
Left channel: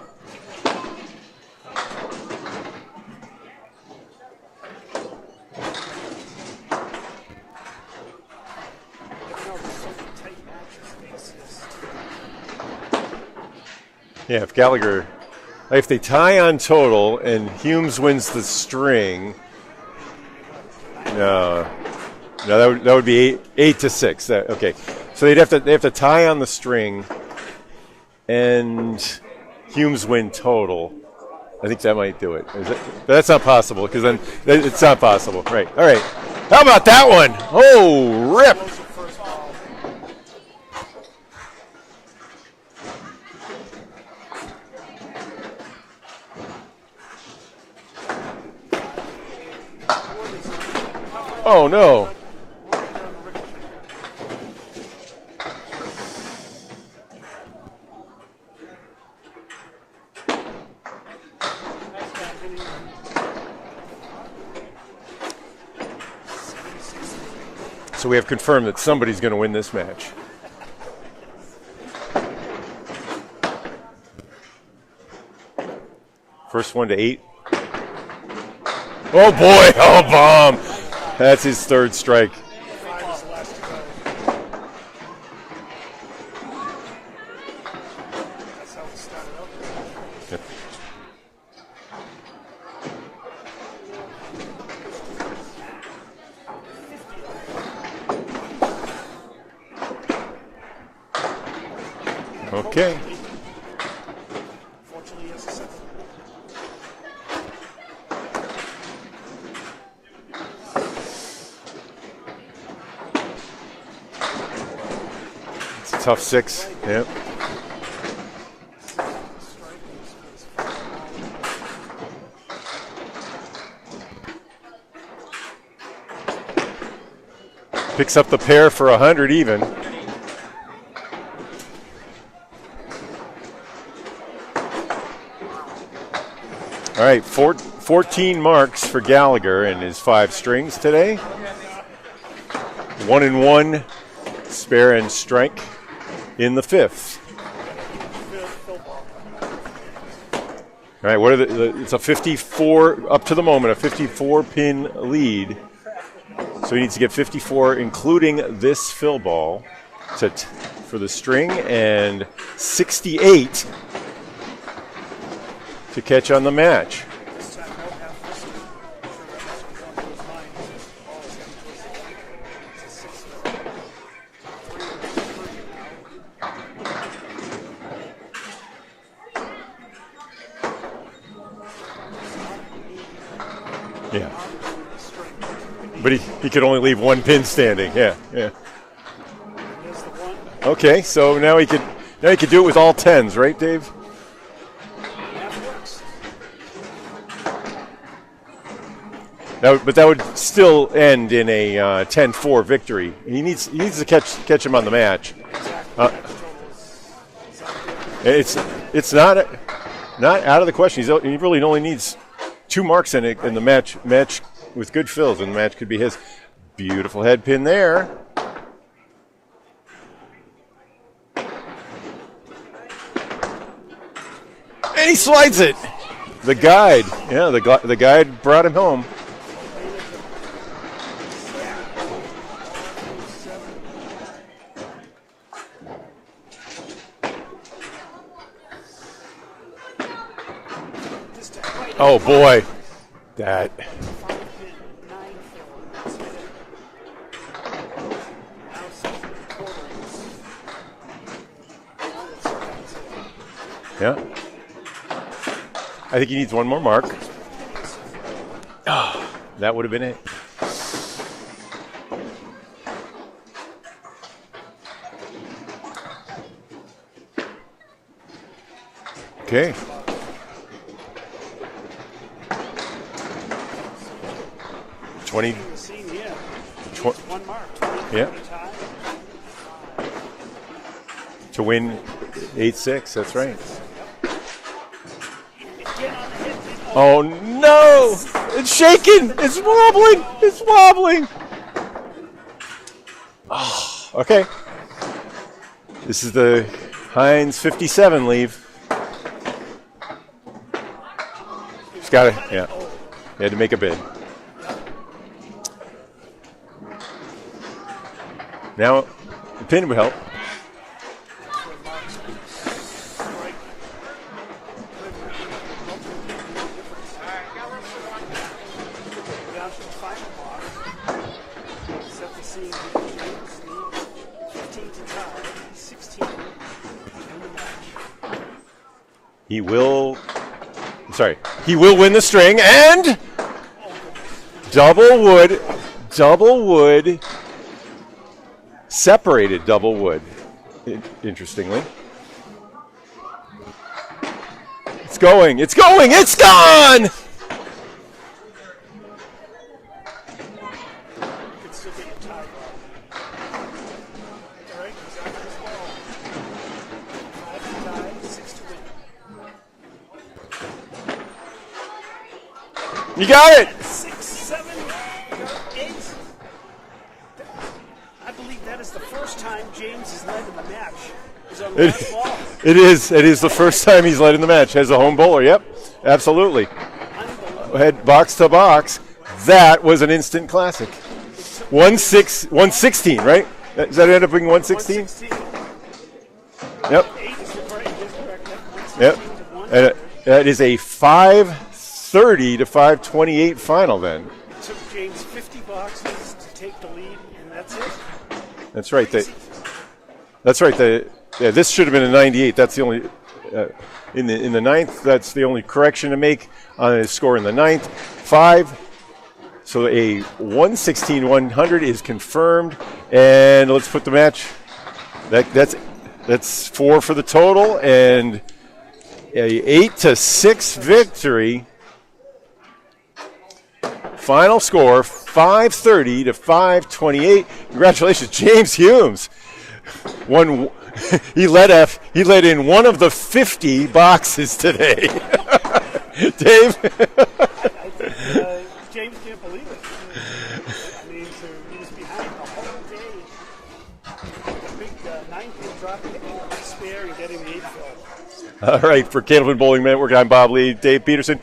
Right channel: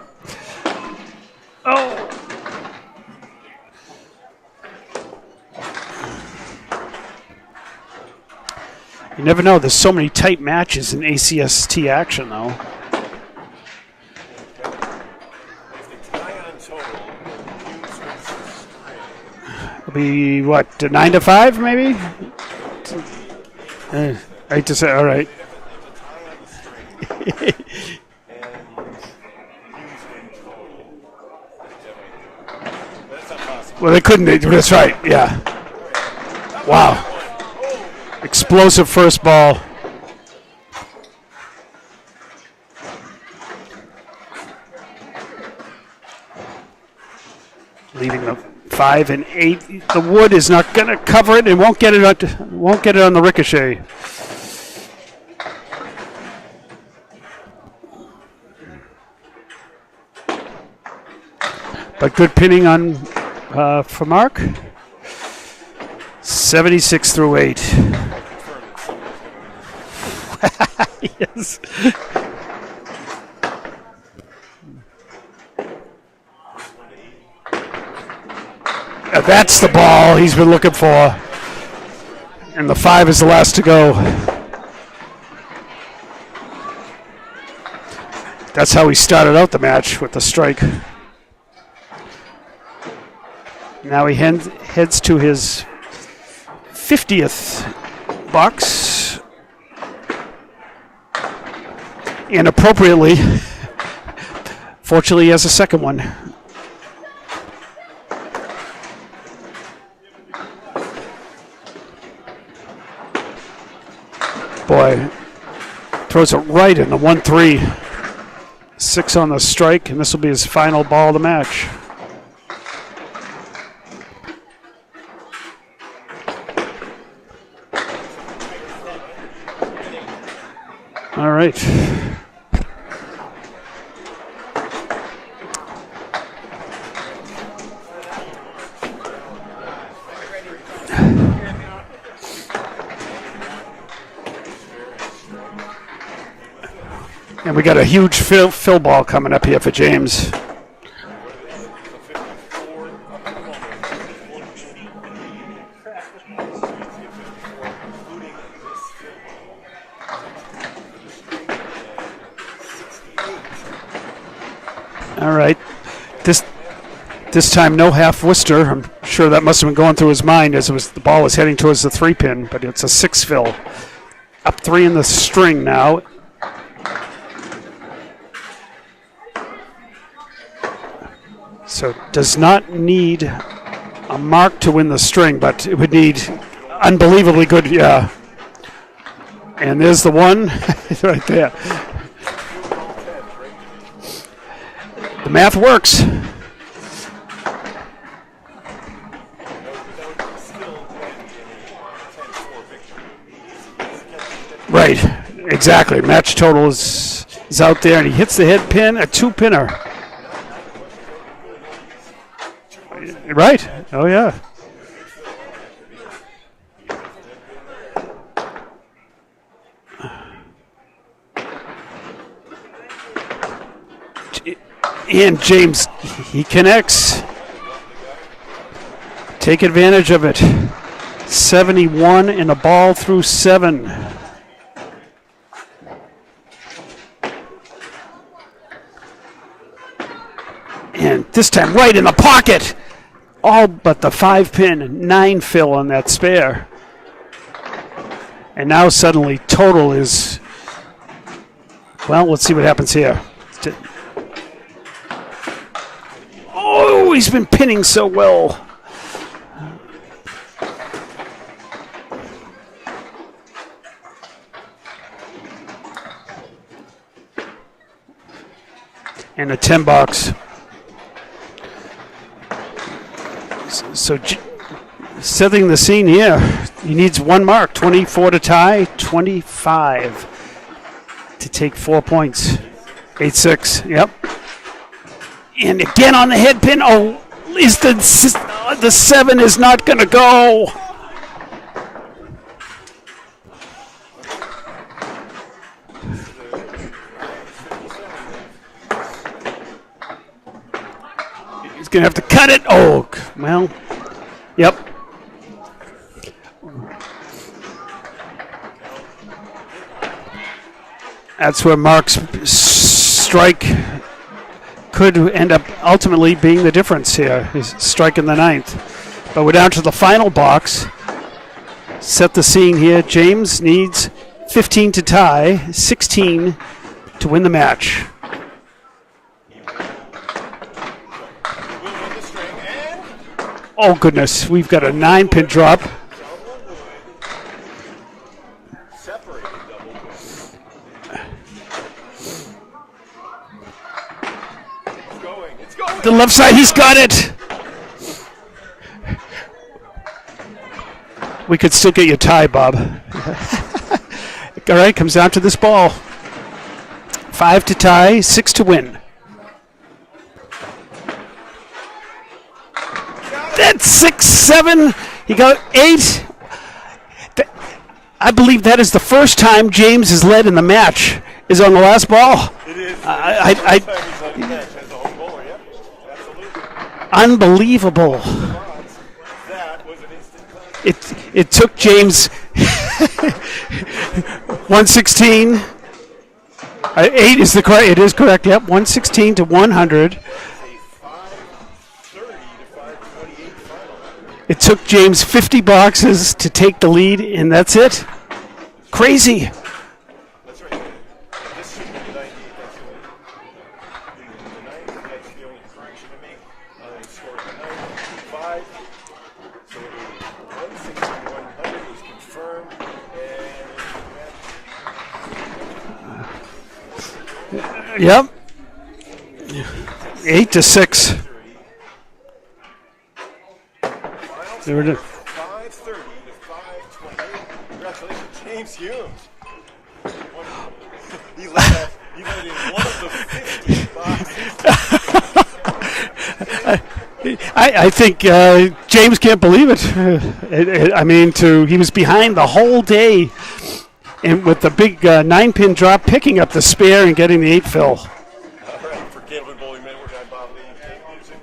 you never know. There's so many tight matches in ACST action, though. yeah, if they tie on total and Humes wins the string, It'll be what, 9 to 5, maybe? no, that would be 8 to 6. 8 to 6. All right. So they have to tie on the string, and Humes win total. I think that might do it. But that's not possible. Well, they couldn't. That's right. It's not possible. Yeah. Right. All right. How about that one? Oh, rip. Explosive first ball. Leaving the 5 and 8. The wood is not going to cover it. It won't get it. Won't get it on the ricochet. But good pinning on for Mark. 76 through 8. So we have confirmed that somebody's going to win this match. Yes. First one to 8. That's the ball he's been looking for. That's his third strike. And the 5 is the last to go. That's how he started out the match, with the strike. Now he heads to his 50th box. And appropriately, fortunately, he has a second one. Boy, throws it right in the 1-3. 6 on the strike, and this will be his final ball of the match. Picks up the pair for 100 even. All right. All right, 14 marks for Gallagher and his 5 strings today. 1-1 spare and strike in the 5th. And we got a huge fill ball coming up here for James. All right, what are it's a 54 up to the moment, a 54-pin lead. So he needs to get 54, including this fill ball, for the string, and 68. All right. To catch on the match. This time, no half Worcester. I'm sure that must have been going through his mind as the ball was heading towards the 3-pin, but it's a 6 fill. Up 3 in the string now. So does not need a mark to win the string, but it would need he could only leave unbelievably good. Yeah. And there's the one. Okay, right so there. now he could do it with all 10s, right, Dave? The math works. But that would still end in a 10-4 victory. He needs to catch him on the match. Exactly. Match total is out there, and he hits the head pin, a 2-pinner. Not out of the question. He really only needs 2 marks in it. Right. In the match, Oh, yeah. match with good fills, and the match could be his. Beautiful head pin there. And he slides James, it. he The connects. Guide. Yeah, the guide brought him home. Take advantage of it. 71 and a ball through 7. And this time right in the pocket. All but the 5-pin, 9 fill on that spare. And now suddenly total is, well, let's see what happens here. Yeah. I think he needs one more. Oh, he's been pinning so well. That would have been it. And a 10 box. So setting the scene here. He needs one mark, 24 to tie, 25 to take 4 points. 8-6. 8-6, yep. And again on the head pin. Oh, no. At least the 7 is not going to go. It's wobbling. Oh, okay. This is the Heinz 57 leave. He's going to have to cut it. Yeah. Oh, And make a bid. Yep. Now, the pin would help. That's where Mark's strike could end up ultimately being the difference here, his strike in the 9th. But we're down to the final box. Set the scene here. James needs 15 to tie, 16 to win the match. He will win the string, and oh goodness, we've got double a 9-pin wood, drop. Double wood, separated double wood, interestingly. It's going, The left side, he's got it. We could still get you a tie, Bob. All right, comes down to this ball. 5 to tie, 6 to win. You got it. That's 6, 7. He got 8. I believe that is the first time James has led in the match. Is on the last ball. It is. It is the first time he's led in the match as a home bowler. Yep, absolutely. Unbelievable. Box to box. That was an instant classic. It took James 116, right? Does that end up being 116? 116. Yep. 8 is the correct. It is correct. Yep, 116 to 100. That is a 530 to 528 final. Then It took James 50 boxes to take the lead, and that's it. that's right. Crazy. That's right. This should have been a 98. That's the only in the 9th. That's the only correction to make on his score in the 9th. 5. So a 116-100 is confirmed, and let's put the match. That's 4 for the total, and a 8-6 victory. Final score 530 to 528. Congratulations, James Humes. He let in one of the 50 boxes today. Dave? I think James can't believe it. He was behind the whole day, and with the big 9-pin drop, picking up the spare and getting the 8 fill. All right, for Candlepin Bowling Network, I'm Bob Lee, Dave Peterson.